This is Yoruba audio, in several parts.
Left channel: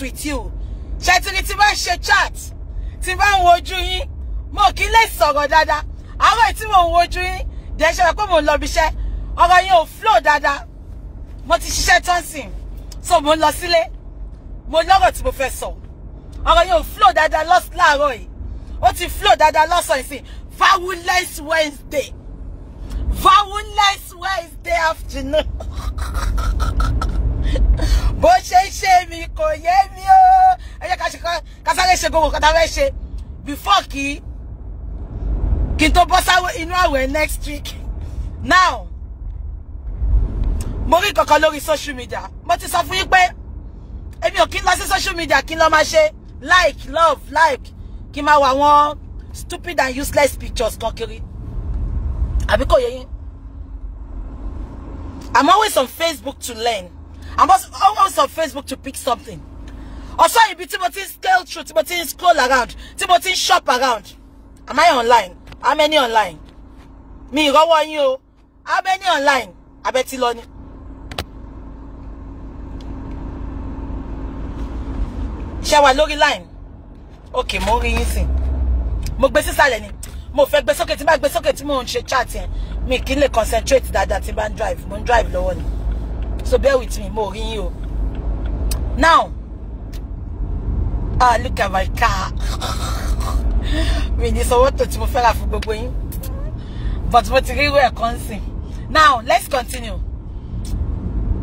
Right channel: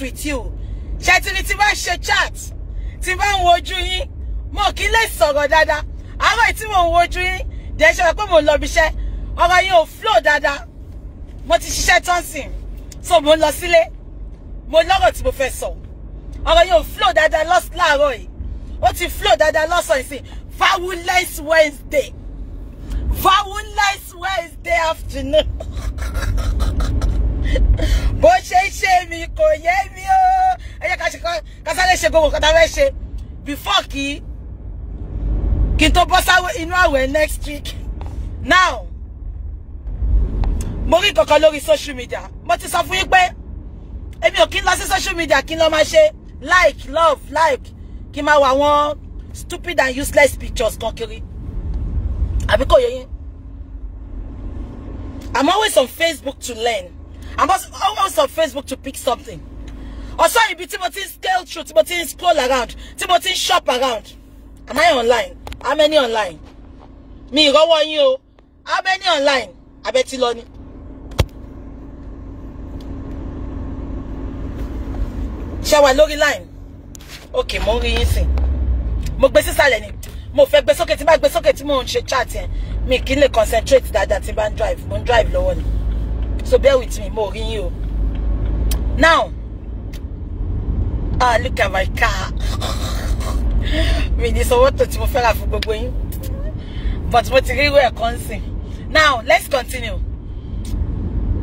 with you. Chatting it about chat. Tivan woju yin. Mo ki le sọ̀rọ̀ dáadáa. Àwọn tí mo woju yin. De se pé mo lọ bí iṣẹ́. Ọ̀rọ̀ yín ò flow dáadáa. Mo ti ṣiṣẹ́ tán sìn. So mo lọ sílé. Mo lọ́rọ̀ tí mo fẹ́ sọ. Ọ̀rọ̀ yín ò flow dáadáa láàárọ̀ yìí. Ó ti flow dáadáa lọ́sàn yìí. Fabulous Wednesday. Fabulous Wednesday afternoon. Bó ṣe mi kò yé mi o. Ẹ jẹ́ ká sáré ṣe gbogbo kata fẹ́ ṣe before kí n tó bọ́ sáwé inú àwẹ̀ next week. Now, mo rí kankan lórí social media. Mo ti sọ fún yín pé èmi ò kí n lọ sí social media kí n lọ máa ṣe like, love, like kí n máa wá àwọn stupid and useless pictures kan kiri. Àbí kò yé yín? I'm always on Facebook to learn. I'm always on Facebook to pick something. Also, if you scale through, scroll around, shop around. Am I online? How many online? Me, go on you. How many online? I bet you learn. Shall I log line? Okay, mo rí yín sìn. Mo gbé sísàlẹ̀ ni. Mo fẹ́ gbé sókè tí bá gbé sókè tí mo ń ṣe chat yẹn. Me kí n lè concentrate dáadáa tí bá ń drive. Mo ń drive lọ́wọ́ ni. So bear with me, mo rí yín o. Now, look at my car. Mi ní sọ wọ́n tó tí mo fẹ́ rà fún gbogbo yín. But mo ti rí ìwé ẹ̀kan sìn. Now, let's continue.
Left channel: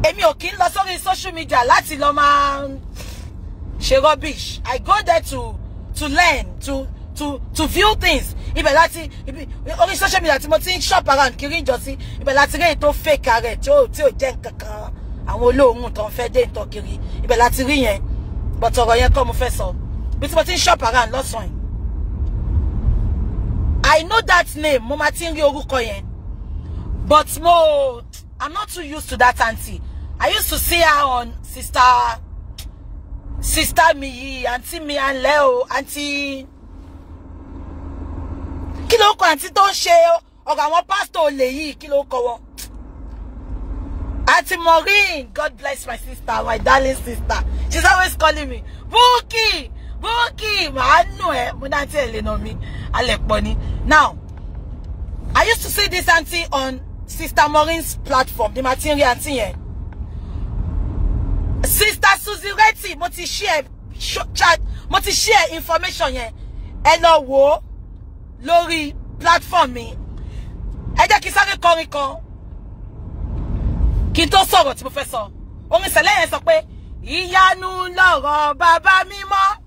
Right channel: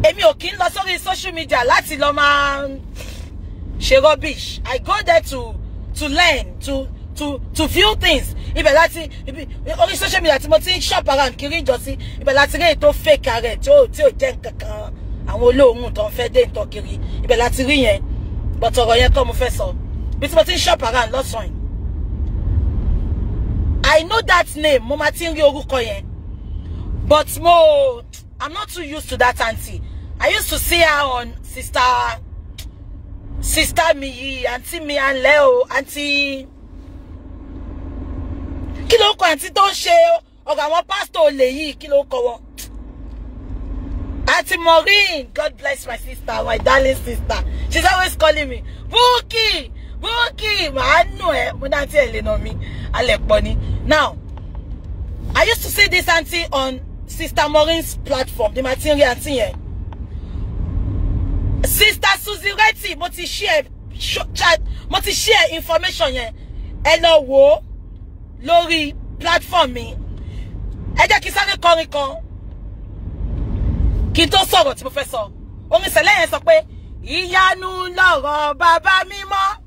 Èmi ò kí ń lọ sórí social media láti lọ máa ṣe rubbish. I go there to learn, to view things. Ibẹ̀ láti orí social media tí mo ti ń shop around kiri ìjọsí. Ibẹ̀ láti rí ètò fake ààrẹ tí ò jẹ́ nǹkankan. Àwọn olóhùn tó ń fẹ́ dé ìtọ́ kiri. Ibẹ̀ láti rí yẹn. But ọ̀rọ̀ yẹn kọ́ mo fẹ́ sọ. Bí tí mo ti ń shop around lọ́sàn yìí. I know that name. Mo máa ti ń rí orúkọ yẹn. But I'm not too used to that auntie. I used to see her on Sister Miyi, Auntie Mi and Leo, Auntie. Kí ló kọ auntie tó ń ṣe ọ̀rọ̀ àwọn pastor olè yìí, kí ló kọ wọn? Auntie Maureen, God bless my sister, my darling sister. She's always calling me, Bookie, màá nù ẹ́, mo náà tí ẹ lè nà mí, alẹ́ pọ̀ ni. Now, I used to see this auntie on Sister Maureen's platform, the material auntie yẹn. Sister Susie Reti, mo ti share information yẹn. Ẹ lọ wò lórí platform mi. Ẹ jẹ́ kí sáré kọrin kan. Kí n tó sọ̀rọ̀ tí mo fẹ́ sọ. Orin sẹ̀lẹ̀ yẹn sọ pé ìyanu lọ̀rọ̀ bàbá mímọ́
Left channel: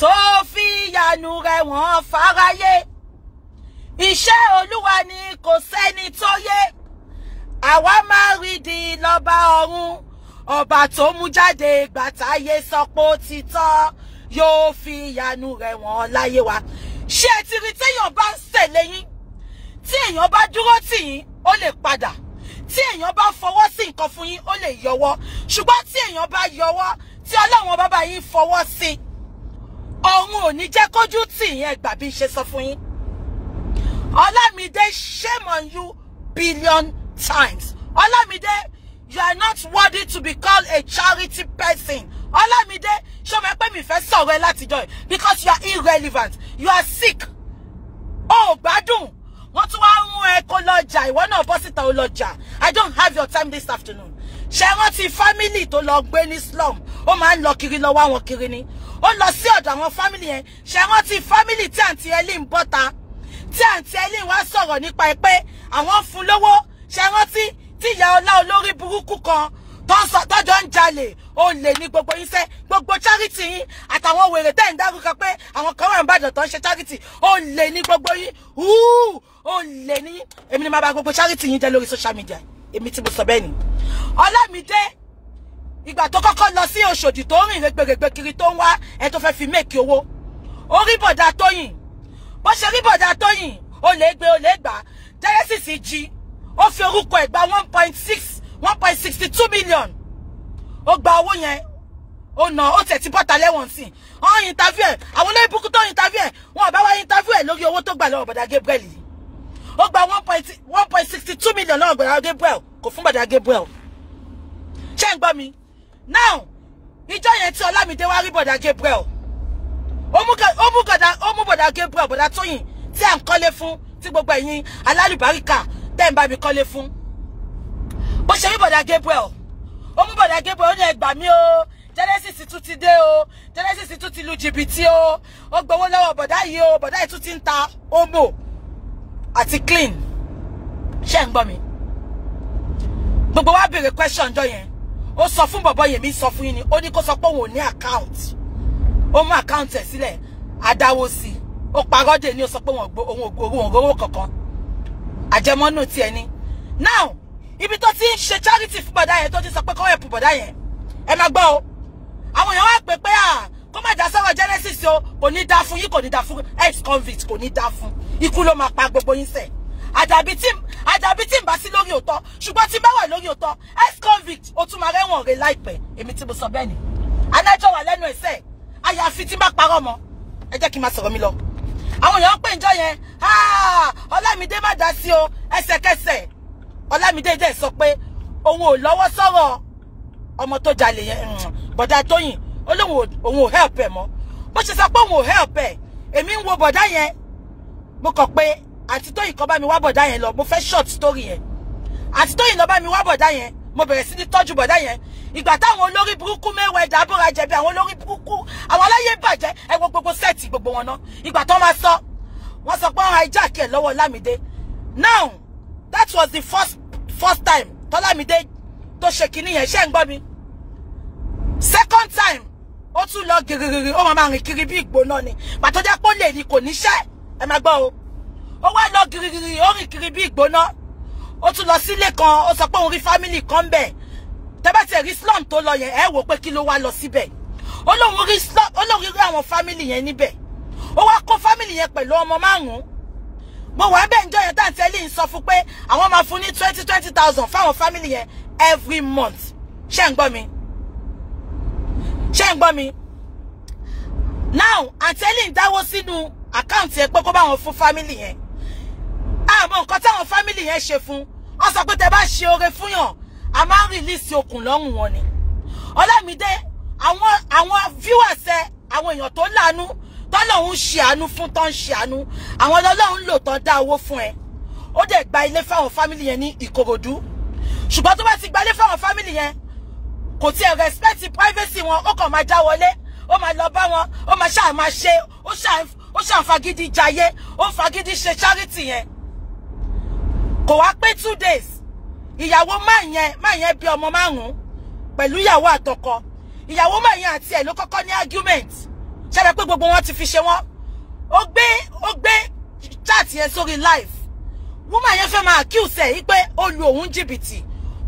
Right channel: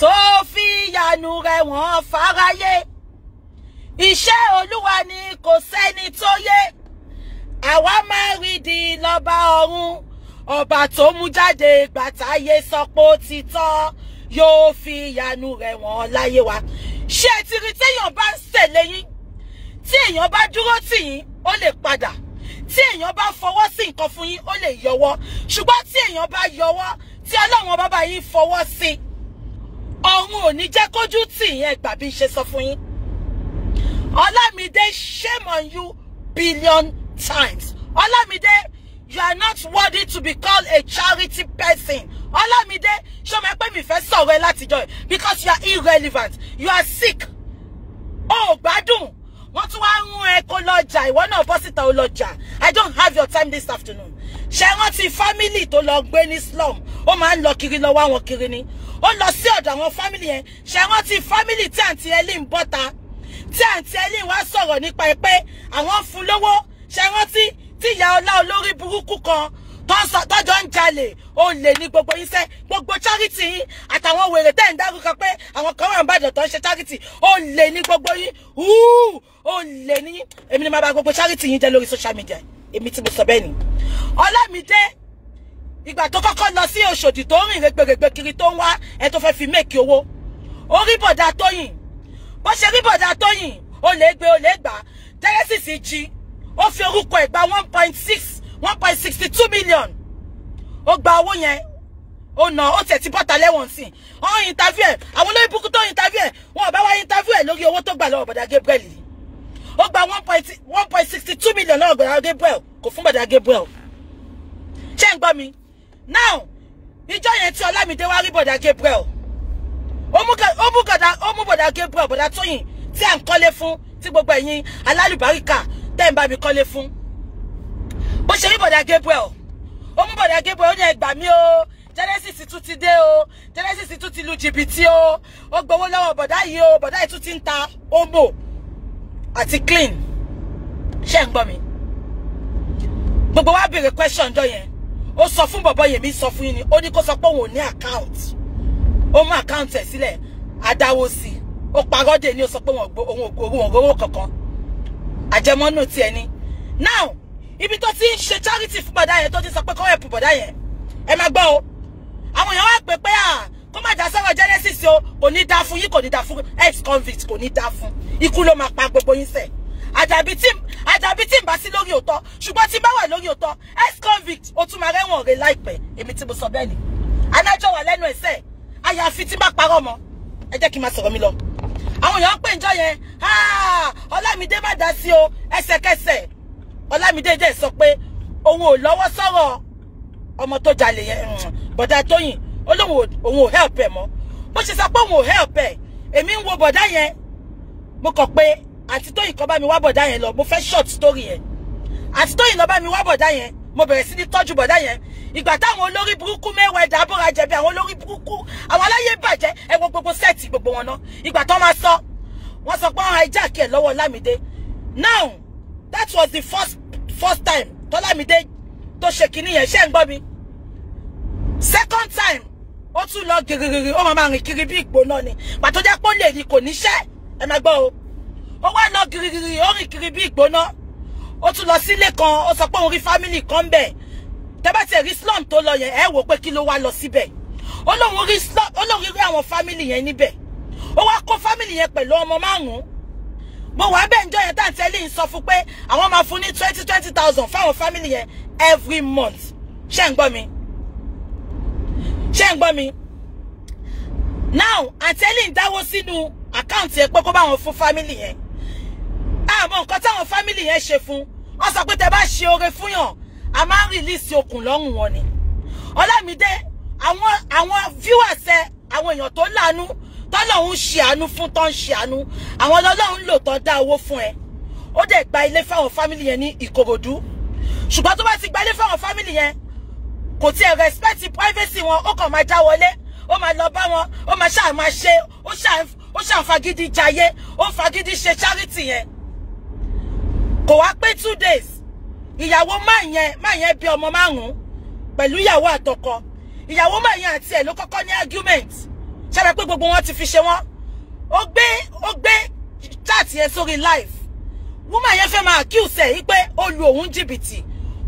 tó fi ìyanu rẹ̀ wọ́n fáráyé. Iṣẹ́ Olúwa ni kò sẹ́ni tó yé. Àwa máa rí di lọ́ba ọ̀run. Ọba tó mú jáde gbàtàyé sọ pé ó ti tọ́ yóò fi ìyanu rẹ̀ wọ́n láyé wa. Ṣé ẹ ti rí téèyàn bá ń ṣèlè yín? Tí èèyàn bá dúró tì yín, ó lè padà. Tí èèyàn bá fọwọ́ sí nǹkan fún yín, ó lè yọwọ́. Ṣùgbọ́n tí èèyàn bá yọwọ́, tí Ọlọ́run bàbá yín fọwọ́ sí, ọ̀run ò ní jẹ́ kójú tì yín ẹ gbà bí ṣe sọ fún yín. Olamide, shame on you billion times. Olamide, you are not worthy to be called a charity person. Olamide, show me pé mi fẹ́ sọ̀rọ̀ ẹ látijọ́ because you are irrelevant. You are sick. Oh, gbádùn. Wọ́n tún wá rún ẹ kó lọ́jà. Ìwọ náà bọ́ síta ó lọ́jà. I don't have your time this afternoon. Ṣé wọ́n ti family tó lọ gbé ní slum? Ó máa ń lọ kiri lọ wá wọn kiri ni. Ó lọ sí ọ̀dọ̀ àwọn family yẹn. Ṣé wọ́n ti family tí àǹtí Ellen bọ́ta? Tí àǹtí Ellen wá sọ̀rọ̀ nípa ẹ pé àwọn fún lówó. Ṣé wọ́n ti ìyá ọlá olórí burúkú kan tọ́jọ́ ń jalè ó lè ní gbogbo yín sẹ́ gbogbo charity yín àtàwọn wèrè tẹ́ ń dárúkọ pé àwọn kan wà ń bàdàn tó ń ṣe charity ó lè ní gbogbo yín ó lè ní èmi ni máa bá gbogbo charity yín jẹ́ lórí social media èmi tí mo sọ bẹ́ẹ̀ ni. Ọlámídé ìgbà tó kọ́kọ́ lọ sí Òṣòdì tó rìn rẹ̀gbẹ̀rẹ̀gbẹ̀ kiri tó ń wá ẹ tó fẹ́ fi méèkì owó ó rí bọ̀dá Tóyìn bó ṣe rí bọ̀dá Tóyìn ó lè gbé ó lè gbà Genesis jí ó fi orúkọ ẹ̀ gba 1.62 million. Ó gba owó yẹn. Ó ná ó tẹ̀ tí bọ́ta lẹ́wọ̀n sí. Wọ́n interview ẹ̀. Àwọn olóyìn búkú tó interview ẹ̀. Wọ́n bá wá interview ẹ̀ lórí owó tó gbà lọ́wọ́ bọ̀dá Gabriel. Ó gba 1.62 million lọ́wọ́ bọ̀dá Gabriel. Kò fún bọ̀dá Gabriel. Ṣé ń gbọ́ mi? Now, ìjọ yẹn tí Ọlámídé wá rí bọ̀dá Gabriel ó mú bọ̀dá Gabriel bọ̀dá Tóyìn tí à ń kọ́lé fún tí gbogbo ẹ̀yin alálùbáríkà tẹ́ ń bá mi kọ́lé fún bó ṣe rí bọ̀dá Gabriel ó mú bọ̀dá Gabriel ó ní ẹ gbà mí o Genesis tún ti dé o Genesis tún ti lu jìbìtì o ó gbowó lọ́wọ́ bọ̀dá yìí o bọ̀dá yìí tún ti ń ta omo àti clean ṣé ń gbọ́ mi gbogbo wa béèrè question jọ yẹn ó sọ fún bọ̀bọ̀ yẹn mi sọ fún yín ni ó ní kó sọ pé òun ò ní account ó mú account ẹ̀ sílẹ̀ adáwó sí ó parọ́ dé ní ó sọ pé òun ò rówó kankan àjẹmọ́nù tiẹ̀ ni now ibi tó ti ń ṣe charity fún bọ̀dá yẹn tó ti sọ pé kó help bọ̀dá yẹn ẹ máa gbọ́ o àwọn èèyàn wá pè pé kó má dá sọ́wọ́ Genesis o kò ní dá fún yín kò ní dá fún ex convict kò ní dá fún ikú ló máa pa gbogbo yín sẹ̀ àdàbí tí ń bá sí lórí òótọ́ ṣùgbọ́n tí bá wà lórí òótọ́ ex convict ó tún máa rẹ́wọ̀n rẹ̀ láìpẹ́ èmi tí mo sọ bẹ́ẹ̀ ni adájọ́ wà lẹ́nu ẹ̀sẹ̀ àyàfi tí bá parọ́ mọ́ ẹ jẹ́ kí n máa sọ̀rọ̀ mi lọ àwọn èèyàn pè ń jọ yẹn Ọlámídé má dá sí o ẹsẹ̀kẹsẹ̀ Ọlámídé dẹ̀ sọ pé òun ò lọ́wọ́ sọ̀rọ̀ ọmọ tó jalè yẹn bọ̀dá Tóyìn ó lóun ò help ẹ̀ mọ́ bó ṣe sọ pé òun ò help ẹ̀ èmi ń wo bọ̀dá yẹn mo kàn pé àǹtí Tóyìn kan bá mi wá bọ̀dá yẹn lọ mo fẹ́ short story yẹn àǹtí Tóyìn lọ bá mi wá bọ̀dá yẹn mo bẹ̀rẹ̀ sí ní tọ́jú bọ̀dá yẹn ìgbà táwọn olórí burúkú Mayweather abúra jẹ̀bi àwọn olórí burúkú àwọn aláyé bàjẹ́ ẹ wo gbogbo sẹ́ẹ̀tì gbogbo wọn náà ìgbà tó máa sọ wọ́n sọ pé wọ́n hijack ẹ̀ lọ́wọ́ Ọlámídé now that was the first time tọ́lámídé tó ṣe kinní yẹn ṣé ń gbọ́ mi second time ó tún lọ gírígírí ó máa rìn kiri bí ìgbóná ni pàtó jẹ́ pé ó lè ní kò níṣẹ́ ẹ máa gbọ́ o ó wá lọ gírígírí ó rìn kiri bí ìgbóná ó tún lọ sílé kan ó sọ pé òun rí family kan bẹ̀ tẹ́bá ti rí slum tó lọ yẹn ẹ wò pé kí ló wá lọ síbẹ̀ ó lóun rí àwọn family yẹn níbẹ̀ ó wá kó family yẹn pẹ̀lú ọmọ 5 mo wà bẹ́ẹ̀ njọ́ yẹn táǹtẹ́ lè sọ fún pé àwọn máa fún ní 20,000 fáwọn family yẹn every month ṣé ń gbọ́ mi ṣé ń gbọ́ mi now àǹtẹ́lì ń dáwó sínú àkáǹtì ẹ̀ pé kó bá wọn fún family yẹn àmọ́ nǹkan táwọn family yẹn ṣe fún wọ́n sọ pé tẹ́ bá ṣe oore fún yàn a máa ń rìlíìsì okùn lọ́rùn wọn ni Ọlámídé àwọn viewers ẹ àwọn èèyàn tó láàánú tọ́lọ́hún ṣe àánú fún tó ń ṣe àánú àwọn ọlọ́run lò tán dá owó fún ẹ ó dẹ̀ gba ilé fáwọn family yẹn ní Ìkòròdú ṣùgbọ́n tó bá ti gba ilé fáwọn family yẹn kò tiẹ̀ respect privacy wọn ó kàn máa já wọlé ó máa lọ bá wọn ó máa ṣáà máa ṣe ó ṣáà fagídí jayé ó fagídí ṣe charity yẹn kò wá pé 2 days ìyàwó máa yẹn bí ọmọ 5 pẹ̀lú ìyàwó àtọkọ ìyàwó máa yẹn àti ẹ̀ ló kọ́kọ́ ní argument ṣẹ́bẹ̀ pé gbogbo wọn ti fi ṣe wọ́n ó gbé chat yẹn sórí live woman yẹn fẹ́ máa accuse ẹ̀ yí pé ó lu òun jìbìtì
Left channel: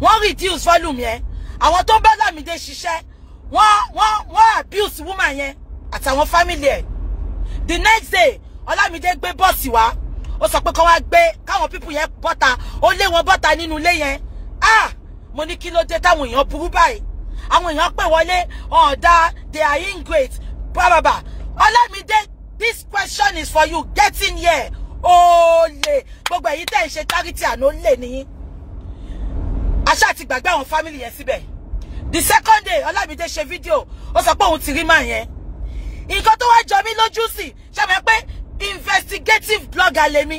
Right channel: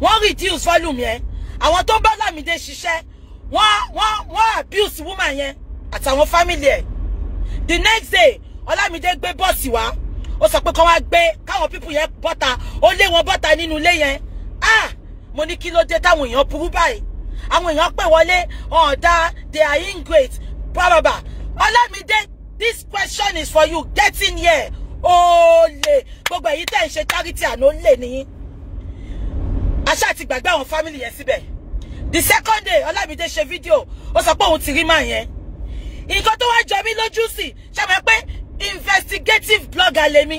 wọ́n reduce volume yẹn àwọn tó ń bá Ọlámídé ṣiṣẹ́ wọ́n abuse woman yẹn àtàwọn family ẹ̀ the next day Ọlámídé gbé bọ́ọ̀sì wá ó sọ pé kọ́ wá gbé káwọn people yẹn bọ́ta ó lé wọn bọ́ta nínú ilé yẹn mo ní kí ló dé táwọn èèyàn burú báyìí àwọn èèyàn pè wọlé ọ̀dà they are ingrate bàbàbà Ọlámídé this question is for you get in here olè gbogbo èyí tẹ́ ń ṣe charity àná lè ní aṣá ti gbàgbé àwọn family yẹn síbẹ̀ the second day Ọlámídé ṣe fídíò ó sọ pé òun ti rí màá yẹn nǹkan tó wá jọ mí lójú sí ṣàbẹ̀ pé investigative blogger lèmi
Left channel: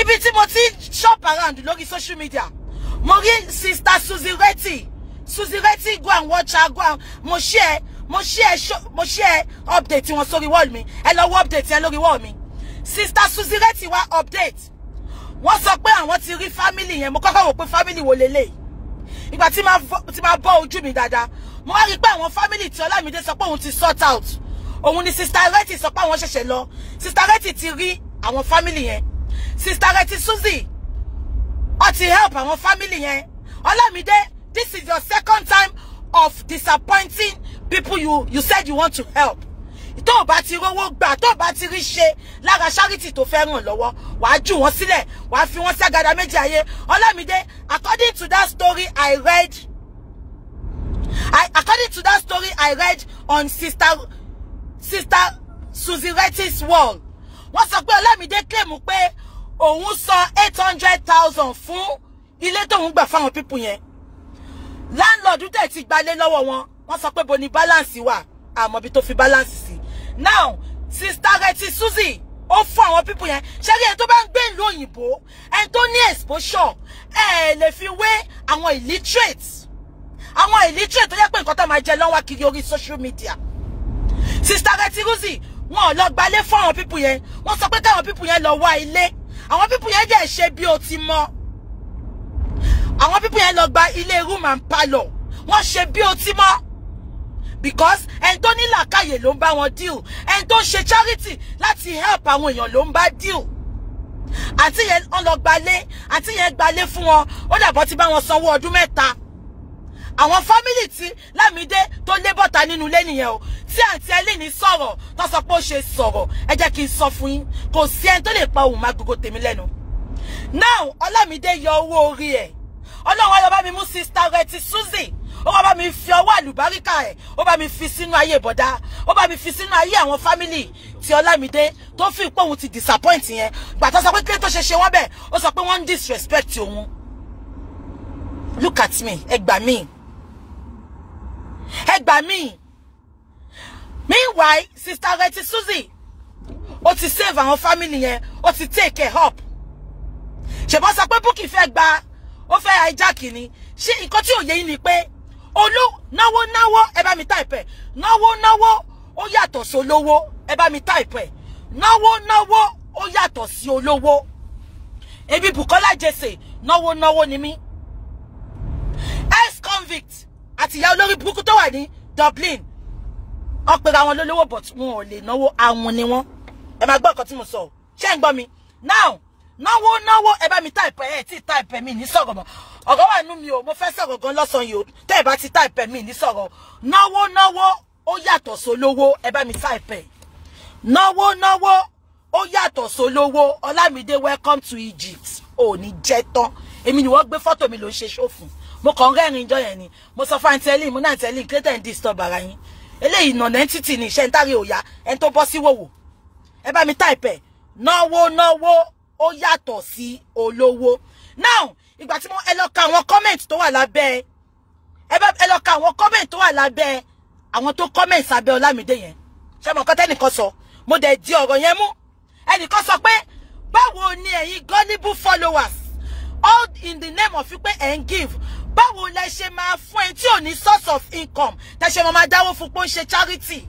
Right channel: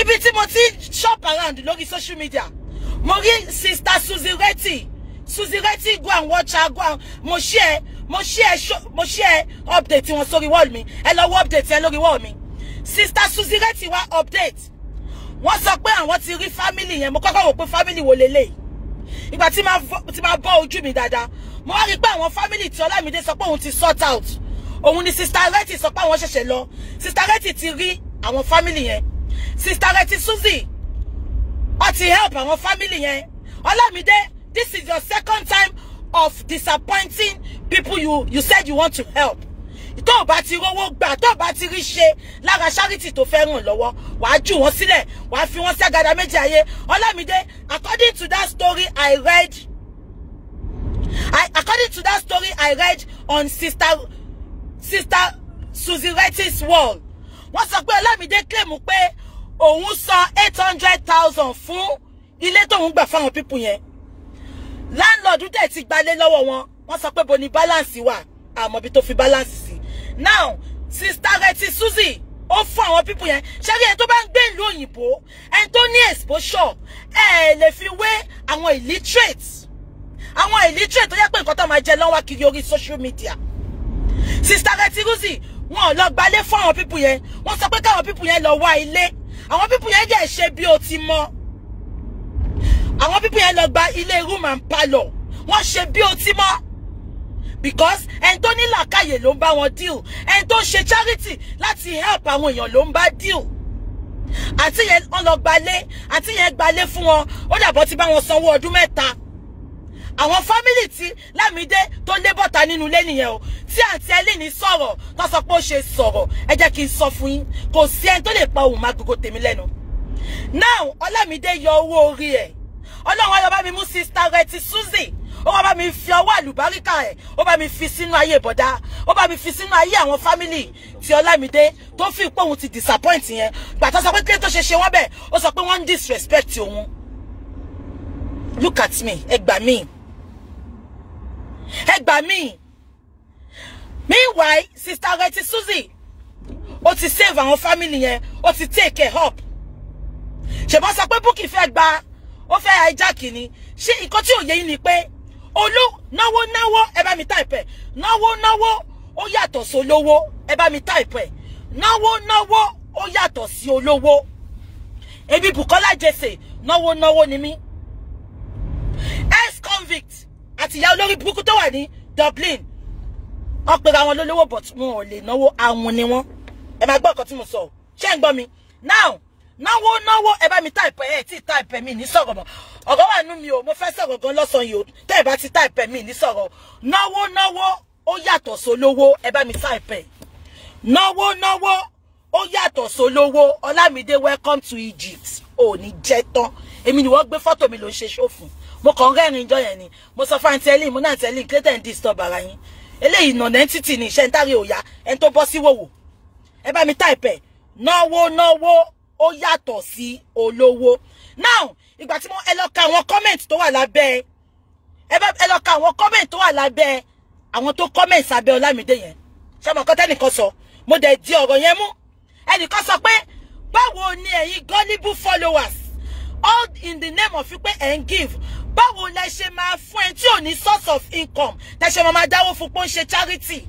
ibi tí mo ti shop around lórí social media mo rí sister Suzy Retty go and watch her go and mo share update wọn sórí wall mi ẹ lọ wo update yẹn lórí wall mi sister Suzy Retty wá update wọ́n sọ pé àwọn ti rí family yẹn mo kọ́kọ́ wò pé family wo lélẹ̀ ìgbà tí máa bọ́ ojú mi dáadáa mo wá rí pé àwọn family tí Ọlámídé sọ pé òun ti sort out òun ni sister Retty sọ pé àwọn ṣẹ̀ṣẹ̀ lọ sister Retty ti rí àwọn family yẹn sister Retty Suzy ó ti help àwọn family yẹn Ọlámídé this is your second time of disappointing people you said you want to help tó bá ti rówó gbà tó bá ti rí ṣe lára charity tó fẹ́ ràn lọ́wọ́ wàá jù wọ́n sílẹ̀ wàá fi wọ́n sí àgàdà méjì ayé Ọlámídé according to that story I read on sister Suzy Retty's wall wọ́n sọ pé Ọlámídé claim pé òun sọ 800,000 fún ilé tóun gbà fáwọn people yẹn landlord dẹ̀ ti gbalé lọ́wọ́ wọn wọ́n sọ pé bo ni balance wà àmọ́ bí tó fi balance sí. Now sister Reti Suzy ó fún àwọn people yẹn ṣẹ́rí ẹni tó bá ń gbé ìlú òyìnbó ẹni tó ní exposure lè fi wé àwọn illiterate tó yẹ pé nǹkan tó máa jẹ lọ́wọ́ kiri orí social media. Sister Reti Suzy wọn lọ gbalé fún àwọn people yẹn wọ́n sọ pé káwọn people yẹn lọ wá ilé àwọn people yẹn jẹ́ ṣe bí o ti mọ̀ àwọn people yẹn lọ gba ilé room and parlour wọ́n ṣe bí o ti mọ̀ because ẹni tó ní làákàyè ló ń bá wọn deal ẹni tó ṣe charity láti help àwọn èèyàn ló ń bá deal àti yẹn wọ́n lọ gbalé àti yẹn gbalé fún wọn ó dàbọ̀ ti bá wọn sanwó ọdún mẹ́ta àwọn family tí Lámídé tó lé bọ́ta nínú ilé nìyẹn o tí àǹtí Ẹlíní sọ̀rọ̀ tó sọ pé ó ṣe sọ̀rọ̀ ẹ jẹ́ kí n sọ fún yín kò sí ẹni tó lè pa ohùn máa gbogbo tèmi lẹ́nu. Now Ọlámídé yọ owó orí ẹ̀ Ọlọ́run á bá mi mú sister Reti Suzy ó bá mi fi ọwọ́ àlùbáríkà ẹ̀ ó bá mi fi sínú ayé bọ̀dá ó bá mi fi sínú ayé àwọn family tí Ọlámídé tó fi pé òun ti disappoint yẹn gbàtọ́ sọ pé kí tó ṣe wọ́n bẹ́ẹ̀ ó sọ pé wọ́n ń disrespect òun. Look at me ẹ gbà mí. Meanwhile sister Reti Suzy ó ti save àwọn family yẹn ó ti take care up ṣèbọn sọ pé Bukky fẹ́ gba ó fẹ́ hijack ni ṣé nǹkan tí ò yé yín ni pé náwó ẹ bá mi type ẹ náwó ó yàtọ̀ sí olówó ẹ bá mi type ẹ náwó ó yàtọ̀ sí olówó èmi Bùkọ́lá Jesse náwó ni mí ex-convict àti ìyá olórí burúkú tó wà ní Dublin wọ́n pera wọn lólówó but wọn ò lè náwó àwọn ni wọ́n ẹ máa gbọ́ nǹkan tí mo sọ ṣé ń gbọ́ mi now náwó ẹ bá mi type ẹ tí type mi ní sọ̀rọ̀ mọ́ ọ̀rọ̀ wà nú mi o mo fẹ́ sọ̀rọ̀ gan lọ́sàn yìí o tẹ́ ẹ bá ti type mi ní sọ̀rọ̀ náwó ó yàtọ̀ sólówó ẹ bá mi type ẹ náwó ó yàtọ̀ sólówó Ọlámídé welcome to Egypt ò ní jẹ́ tán èmi ni wọ́n gbé fọ́tò mi ló ń ṣe ṣòfò mo kàn rẹ́rìn jọ yẹn ni mo sọ fún àǹtí Ẹlíní mo náà tẹ́lẹ̀ kílẹ̀tẹ̀ ń disturb ara yín eléyìí nọ̀nà entity ni iṣẹ́ ń tárí òya ẹni tó bọ́ sí wòwò ẹ bá mi type ẹ náwó ó yàtọ̀ sí olówó. Now ìgbà tí mo ẹ lọ ka àwọn comment tó wà lábẹ́ ẹ lọ ka àwọn comment tó wà lábẹ́ àwọn tó comment sábẹ́ Ọlámídé yẹn ṣé mo kọ́ tẹ́nìkan sọ mo dẹ̀ di ọ̀rọ̀ yẹn mú ẹnìkan sọ pé báwo ni ẹ̀yin gullible followers all in the name of pé ẹ̀ ń give báwo lẹ ṣe máa fún ẹ tí ò ní source of income tẹ ṣe máa dáwó fún pé ó ń ṣe charity.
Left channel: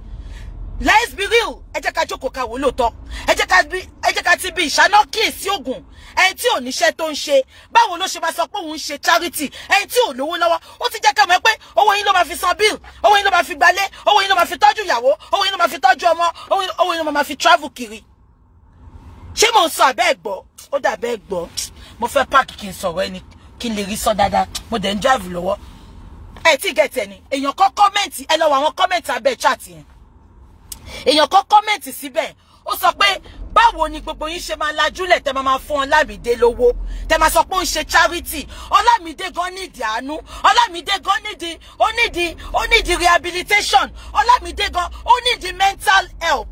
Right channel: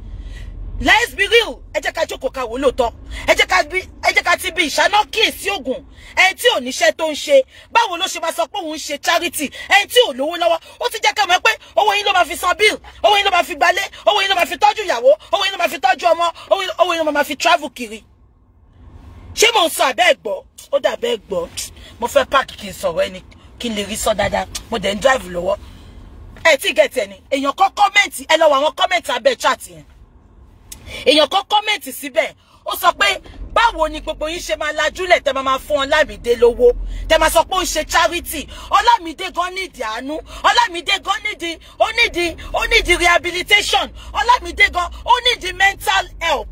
Let's be real ẹ jẹ́ ká jókòó ká wò lóòótọ́ ẹ jẹ́ ká ti bí ìṣáná kíyèsí ògùn ẹni tí ò níṣẹ́ tó ń ṣe báwo ló ṣe máa sọ pé òun ń ṣe charity ẹni tí ò lówó lọ́wọ́ ó ti jẹ́ ká mọ̀ pé owó yín ló máa fi san bill owó yín ló máa fi gbalé owó yín ló máa fi tọ́jú ìyàwó owó yín ló máa fi tọ́jú ọmọ owó yín ló máa fi travel kiri. ṣé mo ń sọ àbẹ́ ẹ̀gbọ́ ó dàbẹ́ ẹ̀gbọ́ mo fẹ́ páàkì kí n sọ̀rọ̀ ẹni kí n lè rí sọ dáadáa mo dẹ̀ ń drive lọ́wọ́ ẹ tí gẹ̀tẹ̀ ni èèyàn kan kọ́mẹ̀ntì ẹ lọ wọ àwọn kọ́mẹ̀ntì abẹ́ chat yẹn èèyàn kan kọ́mẹ̀ntì síbẹ̀ ó sọ pé báwo ni gbogbo yín ṣe máa lajúlẹ̀ tẹ́ máa fún Ọlámídé lówó tẹ́ máa sọ pé ó ń ṣe charity Ọlámídé gan nídìí àánú Ọlámídé gan ó nídìí rehabilitation Ọlámídé gan ó nídìí mental help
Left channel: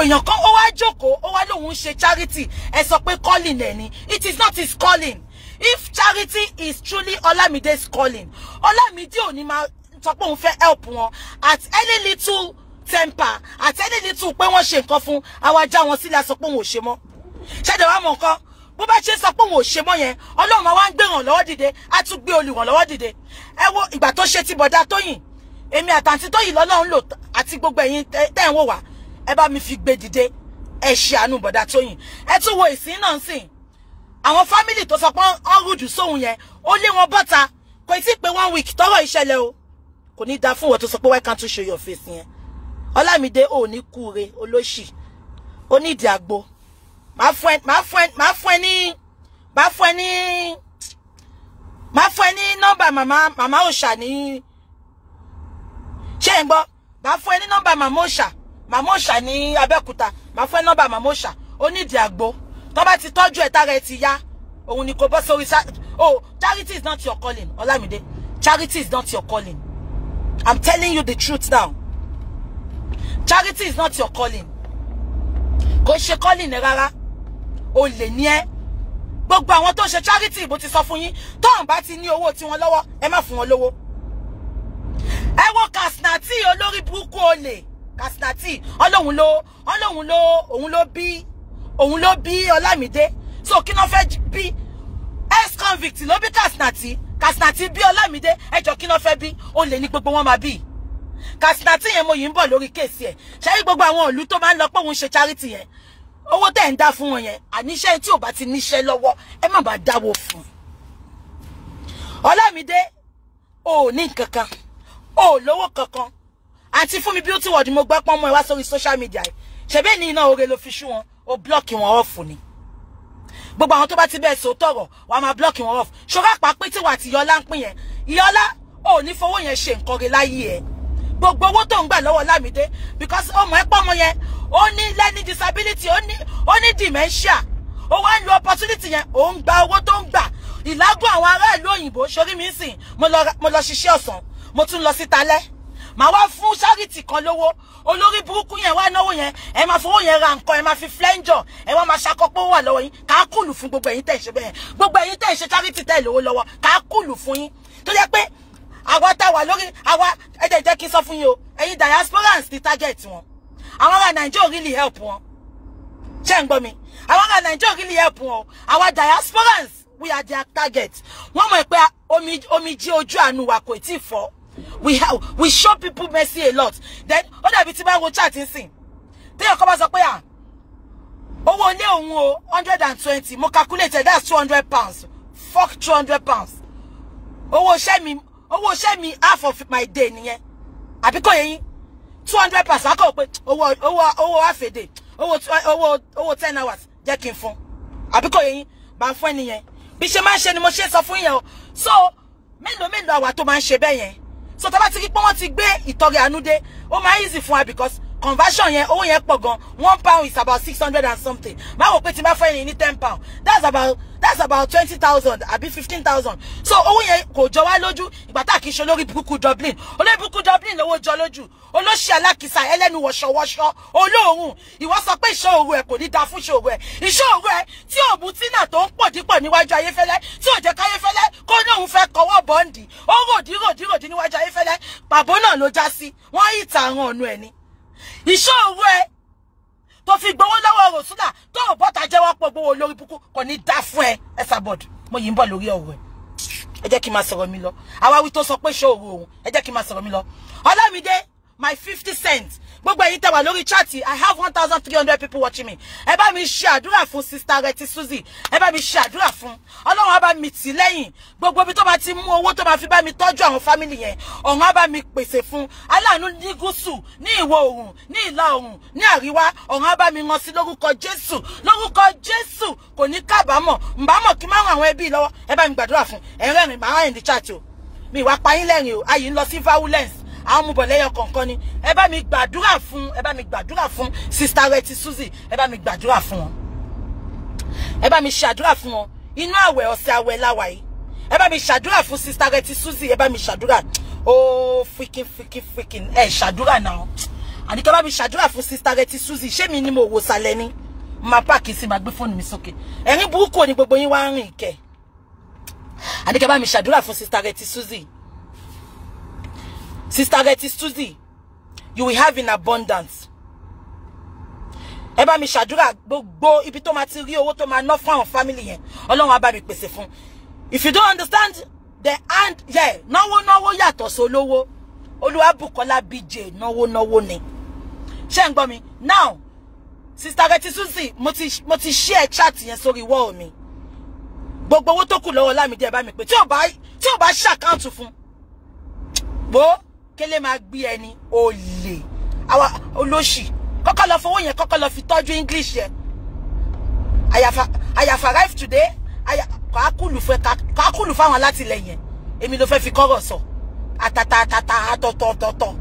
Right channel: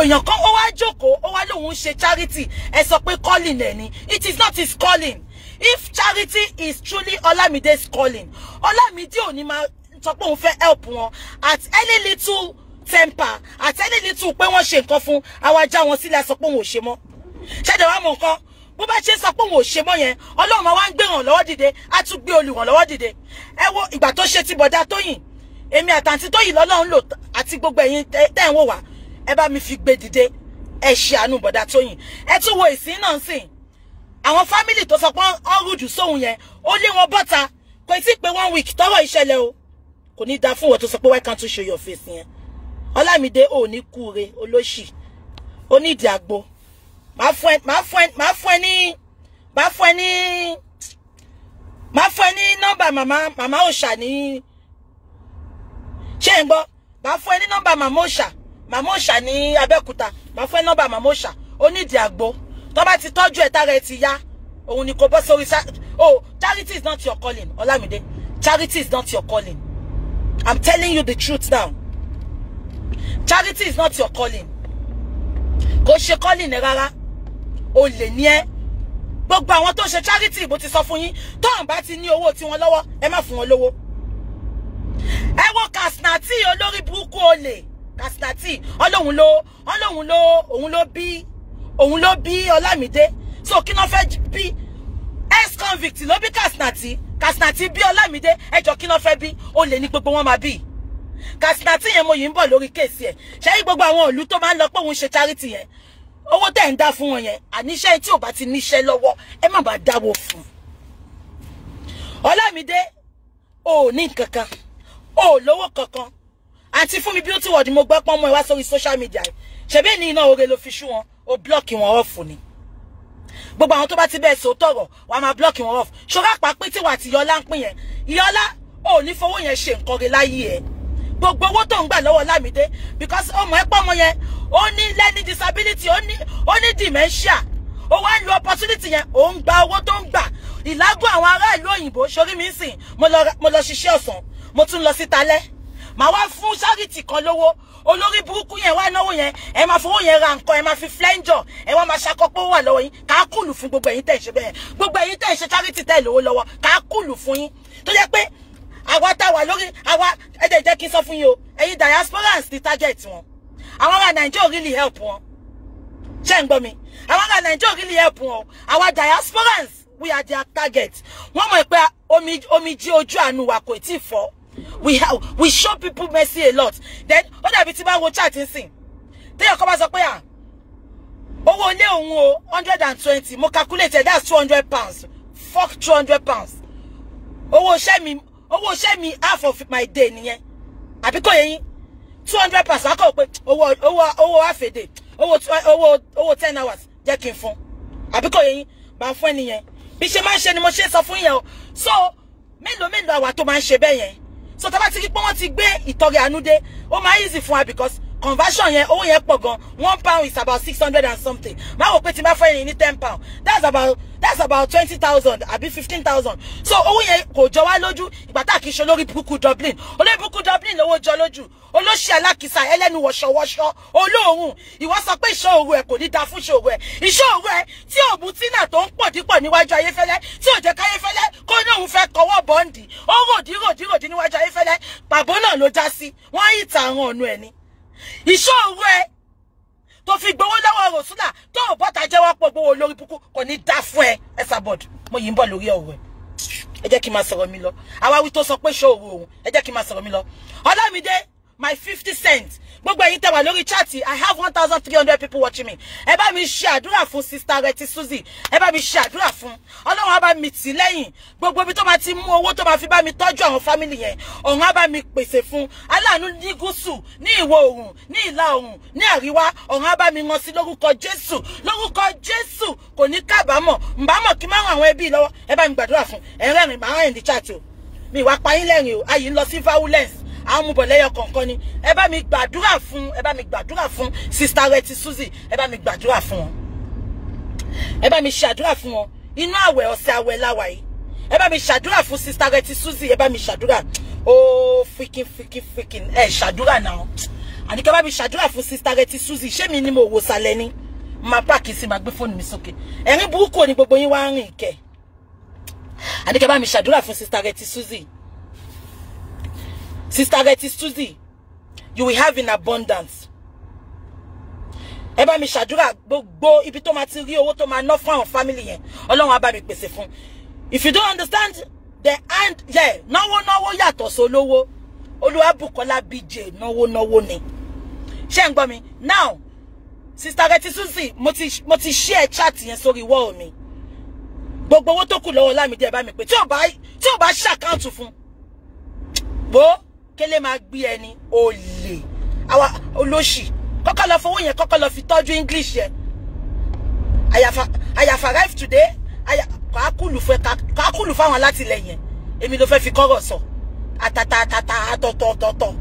èèyàn kan ó wá jókòó ó wá lóun ń ṣe charity ẹ sọ pé calling ẹ ni it is not his calling if charity is truly Ọlámídé's calling Ọlámídé ò ní máa sọ pé òun fẹ́ help wọn at any little temper at any little pé wọ́n ṣe nǹkan fún àwa já wọn sílẹ̀ sọ pé òun ò ṣe mọ́ ṣẹ́dẹ̀ wá mọ̀ nǹkan bó bá ṣe sọ pé òun ò ṣe mọ́ yẹn Ọlọ́run máa wá ń gbé ràn lọ́wọ́ dìde á tún gbé olùrànlọ́wọ́ dìde ẹ wo ìgbà tó ṣe ti bọ̀dá Tóyìn èmi àtàntí Tóyìn lọ́lọ́run lò àti gbogbo ẹ̀yin tẹ́ ń wò wá ẹ bá mi fi gbé dìde ẹ ṣe àánú bọ̀dá Tóyìn ẹ tún wo ìsìn náà sìn àwọn fámìlì tó sọ pé ọ́n rújù sóhun yẹn ó lé wọn bọ́ta kò tí ì pé 1 week tọ́rọ̀ ìṣẹ̀lẹ̀ o kò ní da fún wọn tó sọ pé why can't you show your face yẹn Ọlámídé ò ní kúre olóṣì ó ní ìdí àgbo máa fún ẹ ní nọ́mbà màmá òòṣà ní ṣé ń gbọ́ máa fún ẹ ní nọ́mbà màmá òòṣà ní Abẹ́òkúta máa fún ẹ nọ́mbà màmá òòṣà ó ní ìdí àgbo tó bá ti tọ́jú ẹ̀ tára ẹ ti yá òun ni kò bọ́ sórí charity is not your calling Ọlámídé charity is not your calling I'm telling you the truth now. Charity is not your calling. Kò ṣe calling ẹ rárá. O lè ní ẹ. Gbogbo àwọn tó ṣe charity bó ti sọ fún yín, tó ń bá ti ní owó tí wọ́n lọ́wọ́, ẹ má fún wọn lówó. ẹ wo Kasnati olórí burúkú olè Kasnati òun ló bí Olamide. So kí ló fẹ́ bí ex convict ló bí Kasnati bí Olamide. Ẹjọ́ kí ló fẹ́ bí olè ní gbogbo wọn máa bí. Kasnati yẹn mo yìí ń bọ̀ lórí case yẹn. Ṣé gbogbo àwọn ìlú tó máa ń lọ pé òun ṣe charity yẹn. Owó tẹ́ ń dá fún wọn yẹn. Àníṣe tí ò bá ti níṣẹ́ lọ́wọ́ ẹ má bá dáwó fún. Olamide ò ní kankan. Ò lówó kankan. Àǹtí Fúnmi Beauty World mo gbọ́ pọ́n mọ́ ẹ wá sórí social media. Ṣebí ní iná oore ló fi ṣú wọn. Ó block wọn off ni. Gbogbo àwọn tó bá ti bẹ́ẹ̀ sọ tọ̀rọ̀ wà máa block wọn off. Ṣọ́ra pa pé tí wà tí Yọlá ń pín yẹn. Yọlá ò ní fowó yẹn ṣe nǹkan rẹ̀ láyé ẹ̀. Gbogbo owó tó ń gbà lọ́wọ́ Lámídé because ọmọ ẹ̀ pọ́mọ yẹn ó ní learning disability ó ní dementia. Ó wá lo opportunity yẹn ó ń gba owó tó ń gbà. Ìlágùn àwọn ará ìlú òyìnbó sórí mi sìn mo lọ ṣiṣẹ́ ọ̀sán mo tún lọ sí talẹ́. Màá wá fún charity kan lówó olórí burúkú yẹn wá náwó yẹn ẹ máa fowó yẹn ra nǹkan ẹ máa fi flenjo ẹ wá máa ṣàkópọ̀ wà lọ́wọ́ yín ká kùlù fún gbogbo ẹ̀yin tẹ́ ṣe bẹ́ẹ̀ gbogbo ẹ̀yin tẹ́ ṣe charity tẹ́ lówó lọ́wọ́ ká kùlù fún yín tó jẹ́ pé àwa tá wà lórí àwa ẹ jẹ́ kí n sọ fún yín o ẹ̀yin diasporans ní target wọn àwọn ará Nigeria really help wọn ṣé ń gbọ́ mi àwọn ará Nigeria really help wọn àwa diasporans we are their target wọ́n mọ̀ pé omi jí ojú àánú wa kò tí fọ́. We show people mercy a lot. Then, ó dàbí tí bá wo chat nsìn. Téèyàn kan bá sọ pé owó ilé òun o 120 mo calculated that's 200 pounds. Fuck 200 pounds. Owó iṣẹ́ mi half of my day nìyẹn. Àbí kò yé yín 200 pounds akọ pé owó half a day. Owó 10 hours jẹ́ kí n fún. Àbí kò yé yín bá ń fún ẹnìyẹn. Bí ṣe máa ń ṣe ni mo ṣe sọ fún yẹn o. So, mélòó àwa tó máa ń ṣe bẹ́ẹ̀ yẹn. So tá bá ti rí pé wọ́n ti gbé ìtọrẹ àánú dé ó máa easy fún wa because conversion yẹn owó yẹn pọ̀ gan £1 is about 600 and something máa wò pé tí máa fẹ́ yẹn ní £10 that's about 20,000 àbí 15,000 so owó yẹn kò jọ wá lójú ìgbà tá kì í ṣe lórí burúkú Dublin olórí burúkú Dublin lówó jọ lójú olóṣì alákìsà ẹlẹ́nu wọ̀ṣọ̀wọ̀ṣọ̀ olóòórùn ìwọ sọ pé ìṣòro ẹ kò ní da fún ìṣòro ẹ ìṣòro ẹ tí òbú tínà tó ń pọ̀ dípọ̀ níwájú Ayéfẹ́lẹ́ tí ò jẹ́ káyéfẹ́lẹ́ kó ní òun fẹ́ kọwọ́ bọ́ǹdì ó ròdì níwájú Ayéfẹ́lẹ́ pàbó náà ló já sí wọ́n yìí ta àwọn ọ̀nà ẹ̀ ni ìṣòro ẹ tó fi gbowó lọ́wọ́ Rosula tó ò bọ́ta jẹ́wọ́ pọ̀ gbowó lórí búkú kò ní dá fún ẹ Esabod mo yìí ń bọ̀ lórí ọ̀rọ̀ ẹ jẹ́ kí n máa sọ̀rọ̀ mi lọ àwáwí tó sọ pé ṣòro òun ẹ jẹ́ kí n máa sọ̀rọ̀ mi lọ Olamide my 50 cents gbogbo ẹ̀yin tẹ́ wà lórí chat I have 1,300 people watching me ẹ bá mi ṣe àdúrà fún sister Reti Suzy ẹ bá mi ṣe àdúrà fún Ọlọ́run á bá mi tì lẹ́yìn gbogbo ibi tó bá ti mú owó tó bá fi bá mi tọ́jú àwọn family yẹn ọ̀run á bá mi pèsè fún aláàánú ní gúúsù ní ìwọ̀ oòrùn ní ìlà oòrùn ní àríwá ọ̀run á bá mi rán sí lórúkọ Jésù kò ní kábàámọ̀ ǹbámọ̀ kí máa ràn àwọn ẹbí lọ́wọ́ ẹ bá mi gbàdúrà fún ẹ̀rẹ́rìn máa ń di chat o mi wá pa yín lẹ́rìn o ayé ń lọ sí violence àwọn mubọ̀lẹ́yọ kọ̀ọ̀kan ni ẹ bá mi gbàdúrà fún sister Reti Suzy ẹ bá mi gbàdúrà fún wọn ẹ bá mi ṣàdúrà fún wọn inú àwẹ̀ ọ̀sẹ̀ àwẹ̀ láwa yìí ẹ bá mi ṣàdúrà fún sister Reti Suzy ẹ bá mi ṣàdúrà oh freaking ẹ ṣàdúrà náà àdìkẹ́ bá mi ṣàdúrà fún sister Reti Suzy ṣé mi ni mo wò sálẹ̀ ni máa pààkì sí máa gbé fóònù mi sókè ẹ̀rín burúkú ni gbogbo yín wá ń rìn kẹ́ àdìkẹ́ bá mi ṣàdúrà fún sister Reti Suzy. Sister Reti Suzy, you will have in abundance. Ẹ bá mi ṣàdúrà gbogbo ibi tó máa ti rí owó tó máa ná fún àwọn family yẹn. Ọlọ́run á bá mi pèsè fún. If you don't understand the and náwó yàtọ̀ sólówó. Olúwabùkọ́lá BJ náwó ni. Ṣé ń gbọ́ mi? Now, Sister Reti Suzy, mo ti share chat yẹn sórí wall mi. Gbogbo owó tó kù lọ́wọ́ Lámídé ẹ bá mi pè. Tí ò bá ṣe account fún. Bo kele máa gbé ẹni olè àwa olóṣì kọ́kọ́ lọ fowó yẹn kọ́kọ́ lọ fi tọ́jú English yẹn I have arrived today kàákùlù fáwọn alátìlẹyìn èmi ló fẹ́ fi kọ́rọ̀ sọ àtọ̀tọ̀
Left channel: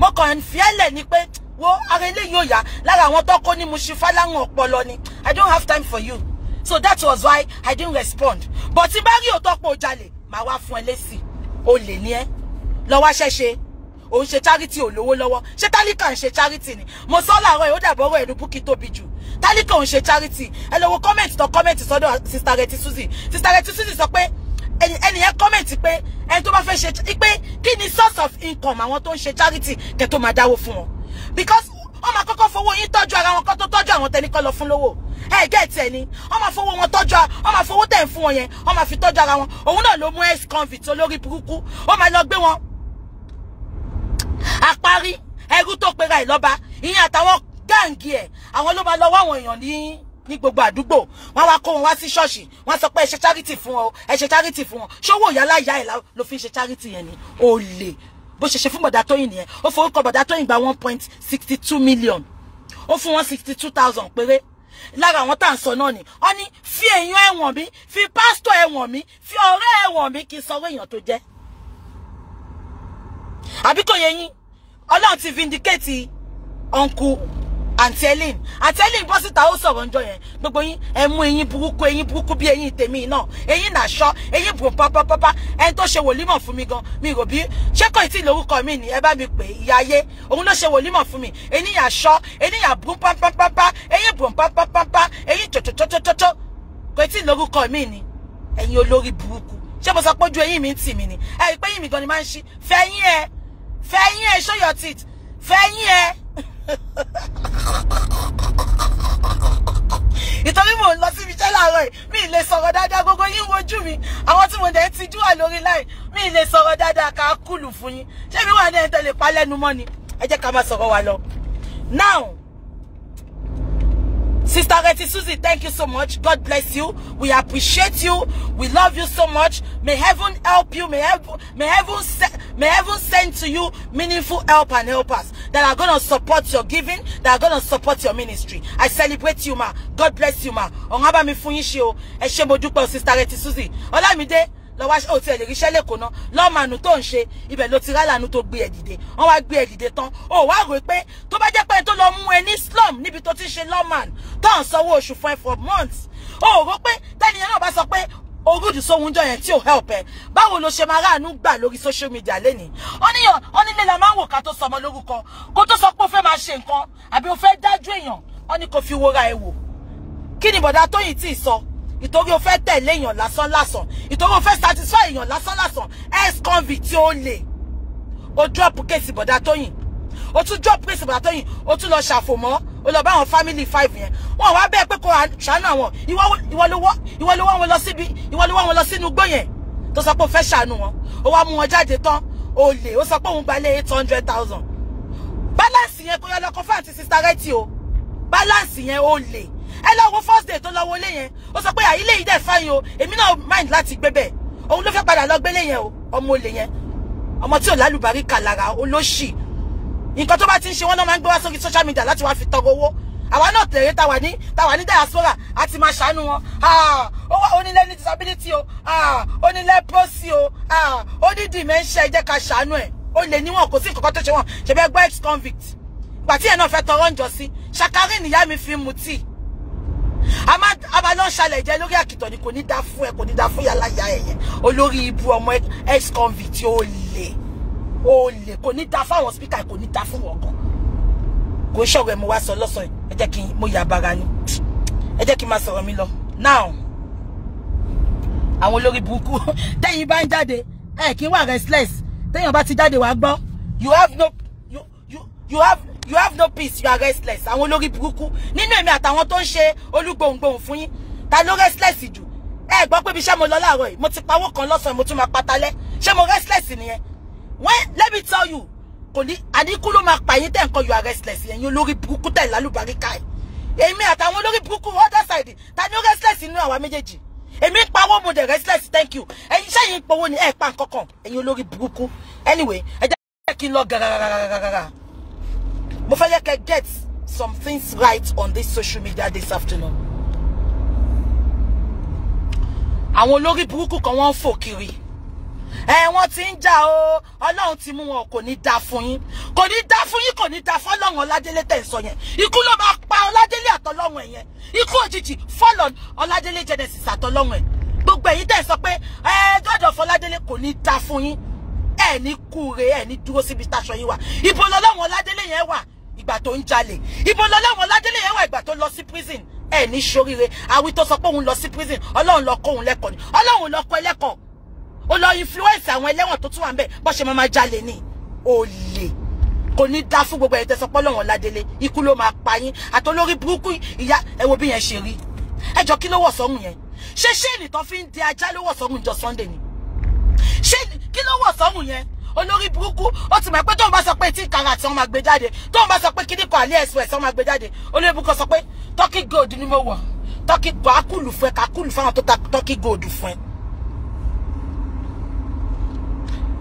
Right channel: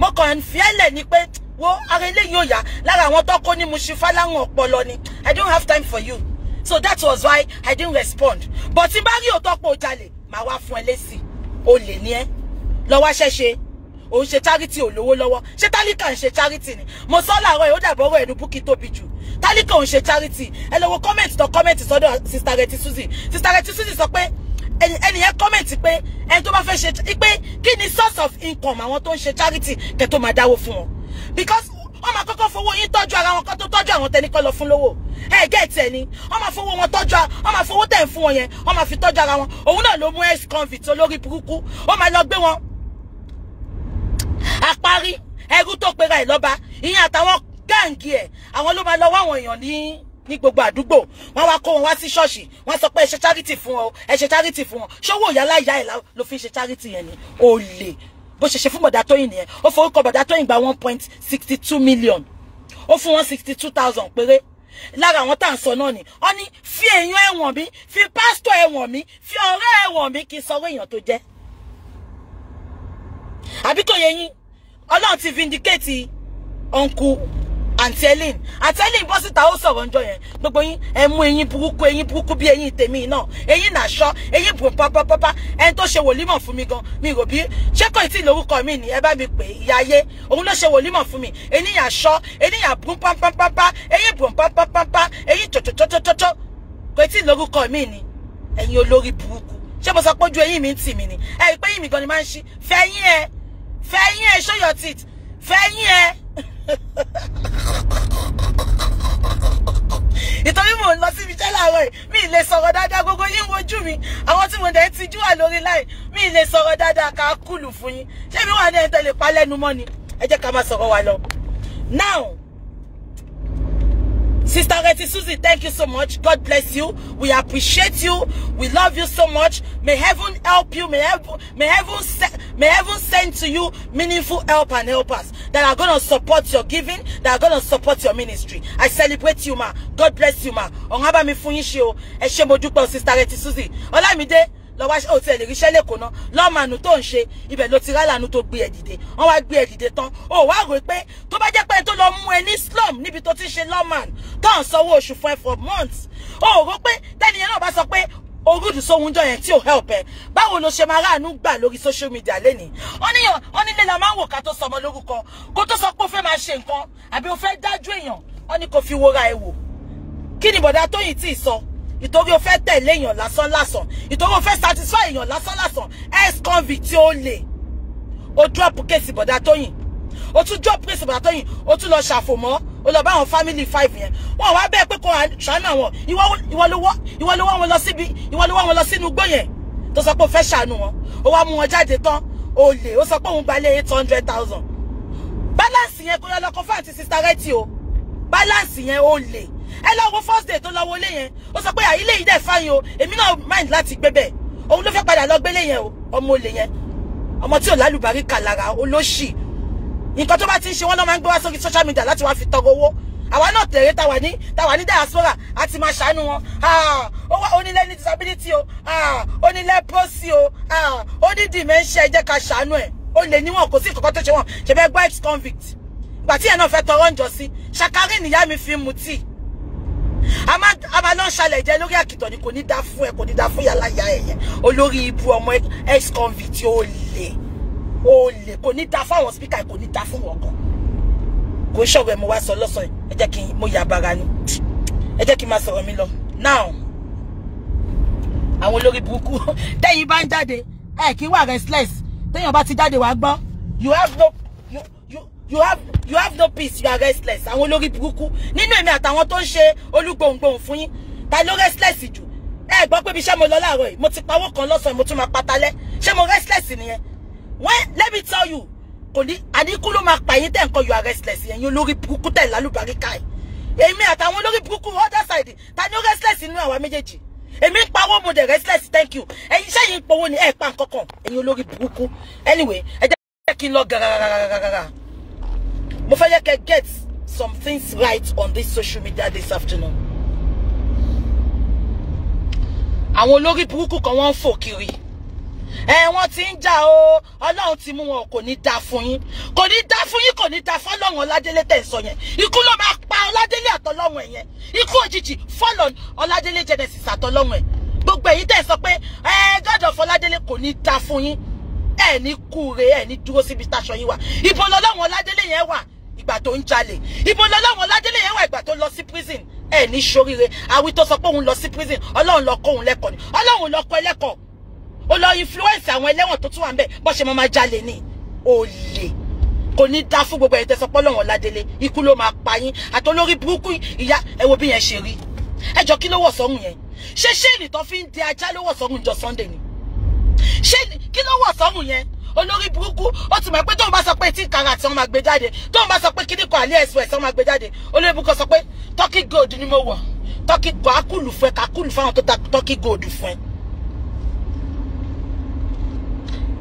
mo kàn fi ẹlẹ̀ ni pé wo ara ilé yóò yá lára àwọn tó kó ní mo ṣe fáláwọn ọpọlọ ni I don't have time for you so that was why I didn't respond but tí bá rí òótọ́ pé o jalè màá wá fún ẹ lésì olè ni ẹ lọ́wọ́ ṣẹ́ṣe òun ṣe charity olówó lọ́wọ́ ṣé tálíkà ń ṣe charity ni mo sọ láàárọ̀ yìí ó dàbọ̀rọ̀ ẹnu búkì tóbi jù tálíkà òun ṣe charity ẹ lọ wo comment sọ́dọ̀ sister Reti Suzy sọ pé ẹni yẹn comment pé ẹni tó bá fẹ́ ṣe pé kí ni source of income àwọn tó ń ṣe charity kẹ́ tó máa dáwó fún wọn, because wọ́n máa kọ́kọ́ fowó yín tọ́jú ara wọn kó tó tọ́jú àwọn tẹni kọ́ lọ fún lówó. Get ẹni wọ́n máa fowó wọn tọ́jú, wọ́n máa fowó tẹ̀ ń fún wọn yẹn wọ́n máa fi tọ́jú ara wọn. Òun náà ló mú ex-convict olórí burúkú, ó máa lọ gbé wọn àparí ẹrú tó pera ẹ̀ lọ́ba, ìyẹn àtàwọn gáǹgì ẹ̀, àwọn ló máa lọ wá àwọn èèyàn ní gbogbo àdúgbò, wọ́n wá kó wọn wá sí ṣọ́ọ̀ṣì, wọ́n sọ pé ẹ ṣe charity fún wọn, ẹ ṣe charity fún wọn. Ṣówó ìyá láyà ẹ̀ ló fi ṣe charity yẹn ni olè bó ṣe ṣe fún Bọ̀dá Tóyìn nìyẹn. Ó forúkọ Bọ̀dá Tóyìn gba 1.62 million, ó fún wọn 62,000 péré. Lára àwọn tá à ń sọ náà ni wọ́n ní fi èèyàn ẹ̀wọ̀n mi, fi pásítọ̀ ẹ̀wọ̀n mi, fi ọ̀rẹ́ ẹ̀wọ̀n mi, kí n sọ èèyàn tó jẹ́. Àbí kò yé yín, Ọlọ́run ti vindicate uncle Aunty Helen. Aunty Helen bọ́ síta ó sọ̀rọ̀ ńjọ́ yẹn, gbogbo yín ẹ mú eyín burúkú bí eyín tèmi náà, eyín nàṣọ, eyín bùrọ̀ pápápápá. Ẹni tó ṣe wòlímọ̀ fún mi gan, mi rò bí ṣé kò tí lórúkọ mi ni ẹ bá mi pè ìyá ayé, òun ló ṣe wòlímọ̀ fún mi. Eyín àṣọ, eyín àbùrún pápápápá, eyín bùrọ̀ pápápápá, eyín tòtòtòtòtò, kò tí lórúkọ mi ni. Ẹ̀yin olórí burúkú, ṣé mo sọ pé ojú eyín mi ń tì mí ni? Ẹ rí pé eyín mi gan ni máa ń ṣí. Fẹ̀yìn ẹ, show your teeth. Fẹ̀yìn ẹ. Ìtorí mò ń lọ síbi iṣẹ́ láàárọ̀ yìí, mi lè sọ̀rọ̀ dáadáa, gbogbo yín wojú mi, àwọn tí mo dẹ̀ ti jú wà lórí láì, mi lè sọ̀rọ̀ dáadáa ká kúlù fún yín. Ṣé mi wà ní ẹni tó lè pa lẹ́nu mọ́ ni? Ẹ jẹ́ ká máa sọ̀rọ̀ wa lọ. Now, Sister Reti Suzy, thank you so much. God bless you. We appreciate you. We love you so much. May heaven help you. May heaven send to you meaningful help and helpers that are going to support your giving, that are going to support your ministry. I celebrate you, ma. God bless you, ma. Onhaba mi fún yín ṣe o. Ẹ ṣé mo dúpẹ́ o, Sister Reti Suzy. Olamide, lọ wá ó ti ẹ lè ríṣẹ́ lẹ́kọ̀ọ́ náà, lọ́màánú tó ń ṣe ibẹ̀ ló ti rálànú tó gbé ẹ dìde. Wọ́n wá gbé ẹ dìde tán, ó wá rò pé tó bá jẹ́ pé tó lọ mú ẹ ní slum níbi tó ti ṣe lọ́màánú tó ń sanwó oṣù fún ẹ for months, ó rò pé tẹ́niyẹn náà bá sọ pé orúdù sóhun jọ yẹn tí ò help ẹ, báwo ló ṣe máa ráàánú gbà lórí social media lẹ́nìí? Ó nílé la máa ń wò ká tó sọmọ lórúkọ, kó tó sọ pé ó fẹ́ máa ṣe nǹkan àbí ó fẹ́ dájú èèyàn, ó ní kó fi wóra ẹ wò. Kí ni Bọ̀dá Tóyìn tí ì sọ? Ìtorí o fẹ́ tẹ̀lé èèyàn lásán lásán, ìtorí o fẹ́ satisfy èèyàn lásán lásán, ex-convict tí ó lè. O drop case Bọ̀dá Tóyìn, o tún drop case Bọ̀dá Tóyìn, o tún lọ ṣàfòmọ́, o lọ bá àwọn family 5 yẹn. Wọ́n wá bẹ́ẹ̀ pé kó ṣàánú àwọn, ìwọ ló wọ́ wọn lọ síbi, ìwọ ló wọ́ wọn lọ sínú igbó yẹn tó sọ pé o fẹ́ ṣàánú wọn. O wá mú wọn jáde tán, o lè, o sọ pé òun gbalé 800,000. Balance yẹn kó yọ lọ kó fún àti Sister Reti o. Balance yẹn o lè. Ẹ lọ wo first day tó lọ wọlé yẹn, ó sọ pé àyílé yìí dẹ̀ fáyín o, èmi náà mind láti gbé bẹ́ẹ̀. Òun ló fẹ́ padà lọ gbélé yẹn o, ọmọ olè yẹn, ọmọ tí ò lálùbáríkà lára, olóṣì. Nǹkan tó bá ti ń ṣe wọ́n lọ́ máa ń gbé wá sórí social media láti wá fi tọrọ owó. Àwa náà tẹ̀rẹ́ ta wà ní diaspora àti máa ṣàánú wọn. Ó ní learning disability o, ó ní leprosy o, ó ní dementia, ẹ jẹ́ ká ṣàánú ẹ̀. Ó lè níwọ̀n, kò sí nǹkan tó ṣe wọ́n, ṣe fẹ́ gbọ́ ex-convict. Ìgbà tí ẹ̀ náà fẹ́ tọrọ ń jọ sí, ṣàkárí nìyá mi fi mu tíì. A máa lọ ṣàlẹ̀ jẹ́ lórí àkìtọ̀ ni, kò ní dá fún ẹ, kò ní dá fún yàrá ìyá ẹ̀yẹn. Olórí ibu ọmọ ex-convict ó lè, kò ní dá fún àwọn speaker, kò ní dá fún wọn gan. Kò ṣọ̀rọ̀ ẹ̀ mo wá sọ lọ́sàn yìí, ẹ jẹ́ kí mo yà bára ni. Ẹ jẹ́ kí n máa sọ̀rọ̀ mi lọ. Now, àwọn olórí burúkú, tẹ́yìn bá ń jáde, kí wà restless. Tẹ́yìn bá ti jáde wá gbọ́, you have no peace, you are restless. Àwọn olórí burúkú nínú èmi àtàwọn tó ń ṣe olúgbòǹgbòǹ fún yín, ta ló restless jù? Ẹ gbọ́ pé bí ṣé mo lọ láàárọ̀ yìí, mo ti pawó kan lọ́sàn, mo tún máa patalẹ́. Ṣé mo restless nìyẹn? Let me tell you, kò ní àdínkù ló máa pa yín tẹ̀ nǹkan you are restless yẹn, yín olórí burúkú tẹ̀ lálùbáríkà ẹ̀. Èmi àtàwọn olórí burúkú other side, ta ni ó restless nínú àwa méjèèjì? Èmi ń pawó, mo dẹ̀ restless, thank you. Ẹ̀yin ṣẹ́yìn ń powó ni ẹ̀ pa nǹkan kan, ẹ̀yin olórí burúkú. Anyway, ẹ jẹ́ kí n lọ gàràràràràrà. Mo fẹ́ yẹ kẹ́ get some things right on this social media this afternoon. Àwọn olórí burúkú kan wọ́n ń fò kiri. Wọ́n ti ń jà o, Ọlọ́run ti mú wọn, kò ní dá fún yín. Kò ní dá fún yín, kò ní dá fún Ọlọ́run Ọládélé tẹ̀ ń sọ yẹn. Ikú ló máa pa Ọládélé àtọlọ́run ẹ̀ yẹn. Ikú òjijì fall on Ọládélé Genesis àtọlọ́run ẹ̀. Gbogbo èyí tẹ̀ ń sọ pé God of Ọládélé kò ní dá fún yín. Ẹ ní kúre, ẹ ní dúró síbi táṣọ yín wà. Ibo lọ́lọ́run Ọládélé yẹn wà ìgbà tó ń jalè? Ibo lọ́lọ́run Ọládélé yẹn wà ìgbà tó lọ sí prison? Ẹ ní ṣoríire. Àwí tó sọ pé òun lọ sí prison, Ọlọ́run lọ kọ́ òun lẹ́kọ̀ọ́ ni. Ọlọ́run lọ kọ́ ẹlẹ́kọ̀ọ́. ó lọ influence àwọn ẹlẹ́wọ̀n tó tún wà ńbẹ̀ bó ṣe máa jalè ní olè kò ní dá fún gbogbo ẹ̀tẹ́ sọpọ́ lọ́wọ́n ládélé ikú ló máa pa yín àtolórí burúkú ìyá ẹ wo bí yẹn ṣe rí ẹjọ́ kí ló wọ̀ sọ́run yẹn ṣé ṣéènì tó fi ń di ajá ló wọ̀ sọ́run jọ Sunday ni ṣé kí ló wọ̀ sọ́run yẹn olórí burúkú ó ti mọ̀ pé tóun bá sọ pé 18 karat wọ́n máa gbé jáde tóun bá sọ pé kíní kan AliExpress wọ́n máa gbé jáde olórí burúkú sọ pé turkey gold ni mo wọ̀ turkey kakulu fún ẹ kakulu fáwọn tó ta turkey gold fún ẹ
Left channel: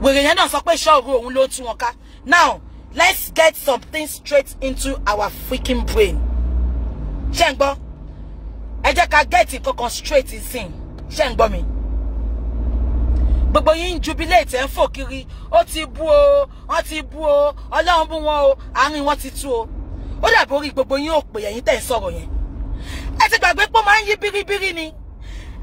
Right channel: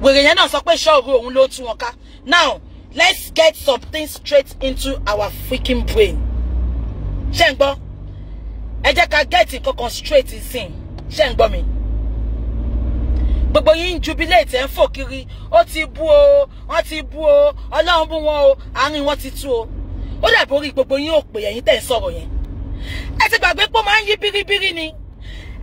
wèrè yẹn náà sọ pé ṣọ́ọ̀rù òun ló tún wọn ká now let's get something straight into our freaking brain ṣé ń gbọ́ ẹ jẹ́ ká get nǹkan straight in ṣé ń gbọ́ mi gbogbo yín jubilate ẹ̀ ń fò kiri ó ti bú o wọ́n ti bú o ọlọ́run bú wọn o àárín wọn ti tú o ó dàbí orí gbogbo yín ò pè ẹ̀yin tẹ̀ ń sọ̀rọ̀ yẹn ẹ ti gbàgbé pé ó máa ń yí bíríbírí ni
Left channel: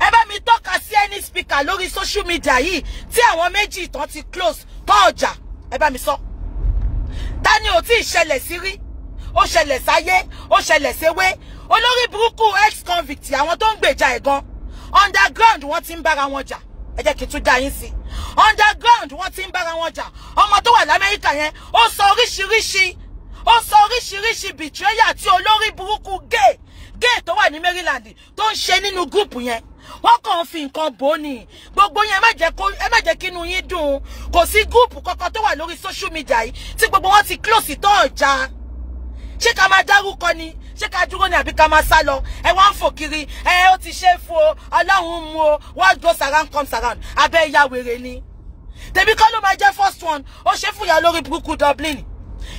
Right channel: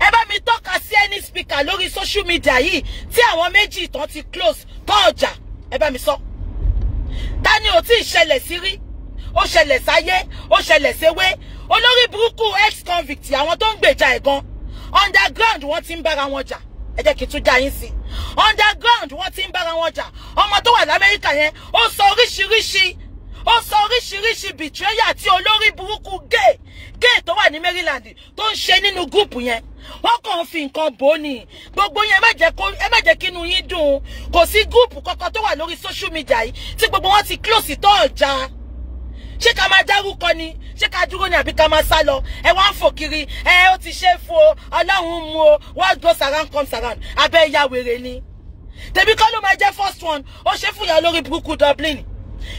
ẹ bá mi tọ́ka sí any speaker lórí social media yìí tí àwọn méjì ìtàn ti close bọ́ ọjà ẹ bá mi sọ ta ni ò tí ì ṣẹlẹ̀ sí rí ó ṣẹlẹ̀ sáyé ó ṣẹlẹ̀ séwé olórí burúkú ex convict àwọn tó ń gbèjà ẹ̀ gan underground wọ́n ti ń bára wọn jà ẹ jẹ́ kí n tún já yín sí underground wọ́n ti ń bára wọn jà ọmọ tó wà l'Amẹ́ríkà yẹn ó sọ oríṣiríṣi betrayal tí olórí burúkú gay tó wà ní Maryland tó ń ṣe nínú gúùpù yẹn wọ́n kàn fi nǹkan bò ní gbogbo yín ẹ má jẹ́ kí inú yín dùn kò sí gúùpù kankan tó wà lórí social media yìí tí gbogbo wọn ti close tó ọjà ṣé ká máa dárúkọ ni ṣé ká dúró ní àbí ká máa sá lọ ẹ wá ń fò kiri ẹ ó ti ṣe é fún o ọlọ́run mú o what goes around comes around abẹ́ ìyá wèrè ni tèmi kọ́ ló máa jẹ́ first one ó ṣe fún ìyá olórí burúkú Dublin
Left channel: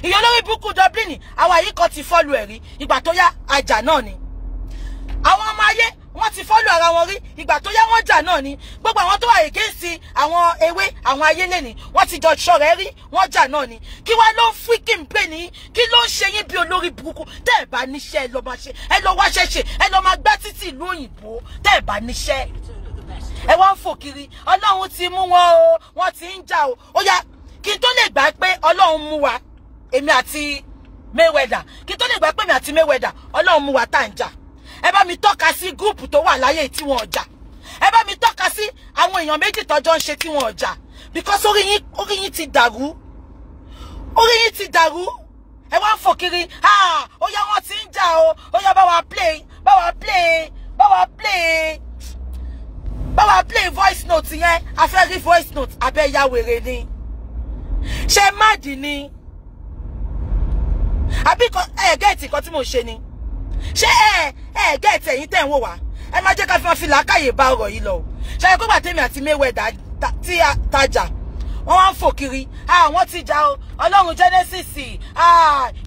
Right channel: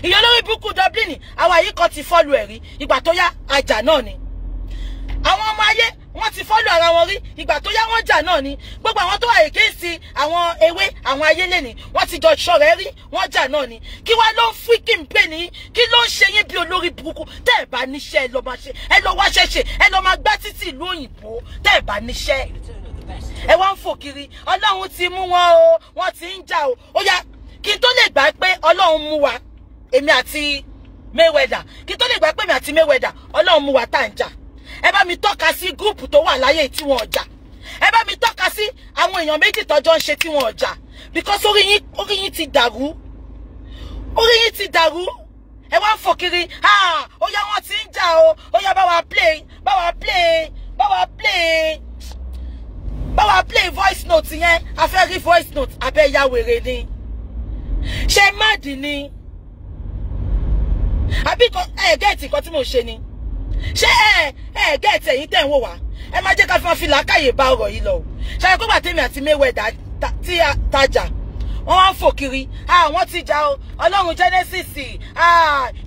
ìyá olórí burúkú Dublin àwọn yìí kan ti fọ́lù ẹ̀rí ìgbà tó yá àjà náà ni àwọn ọmọ ayé wọ́n ti fọ́lù ara wọn rí ìgbà tó yá wọ́n jà náà ni gbogbo àwọn tó wà against àwọn ewé àwọn ayé lẹ́ni wọ́n ti jọ ṣọ̀rẹ́ rí wọ́n jà náà ni kí wá ló ń freaking pè ní kí ló ń ṣe yín bí olórí burúkú tẹ́ ẹ̀ bá níṣẹ́ ẹ lọ máa ṣe ẹ lọ wáṣẹ́ ṣe ẹ lọ máa gbá títì ìlú òyìnbó tẹ́ ẹ̀ bá níṣẹ́ ẹ wá ń fò kiri ọlọ́run ti mú wọn o wọ́n ti ń jà o ó yá kí n tó lè gbà pé ọlọ́run mú wa èmi àti Mayweather kí n tó lè gbà pé èmi àti Mayweather ọlọ́run mú wa tá à ń jà ẹ bá mi tọ́ka sí gúùpù tó wà láyé tí wọ́n jà ẹ bá mi tọ́ka sí àwọn èèyàn méjì tọ́jọ́ ń ṣe tí wọ́n jà because orí yín ti dàrú ẹ wá ń fò kiri ó yá wọ́n ti ń jà o ó yá bá wa play voice note yẹn a fẹ́ rí voice note abẹ́ ya wèrè ni ṣe máàdì ni àbí gẹ́ẹ̀tì kan tí mo ṣe ni ṣé gẹ́ẹ̀tì ẹ̀yin tẹ̀ ń wò wá ẹ má jẹ́ ká fi làákàyè bá ọ̀rọ̀ yìí lọ o ṣe é pé bàtẹ́mi àti Mayweather tí a tajà wọ́n wá ń fò kiri wọ́n ti jà o ọlọ́run Genesis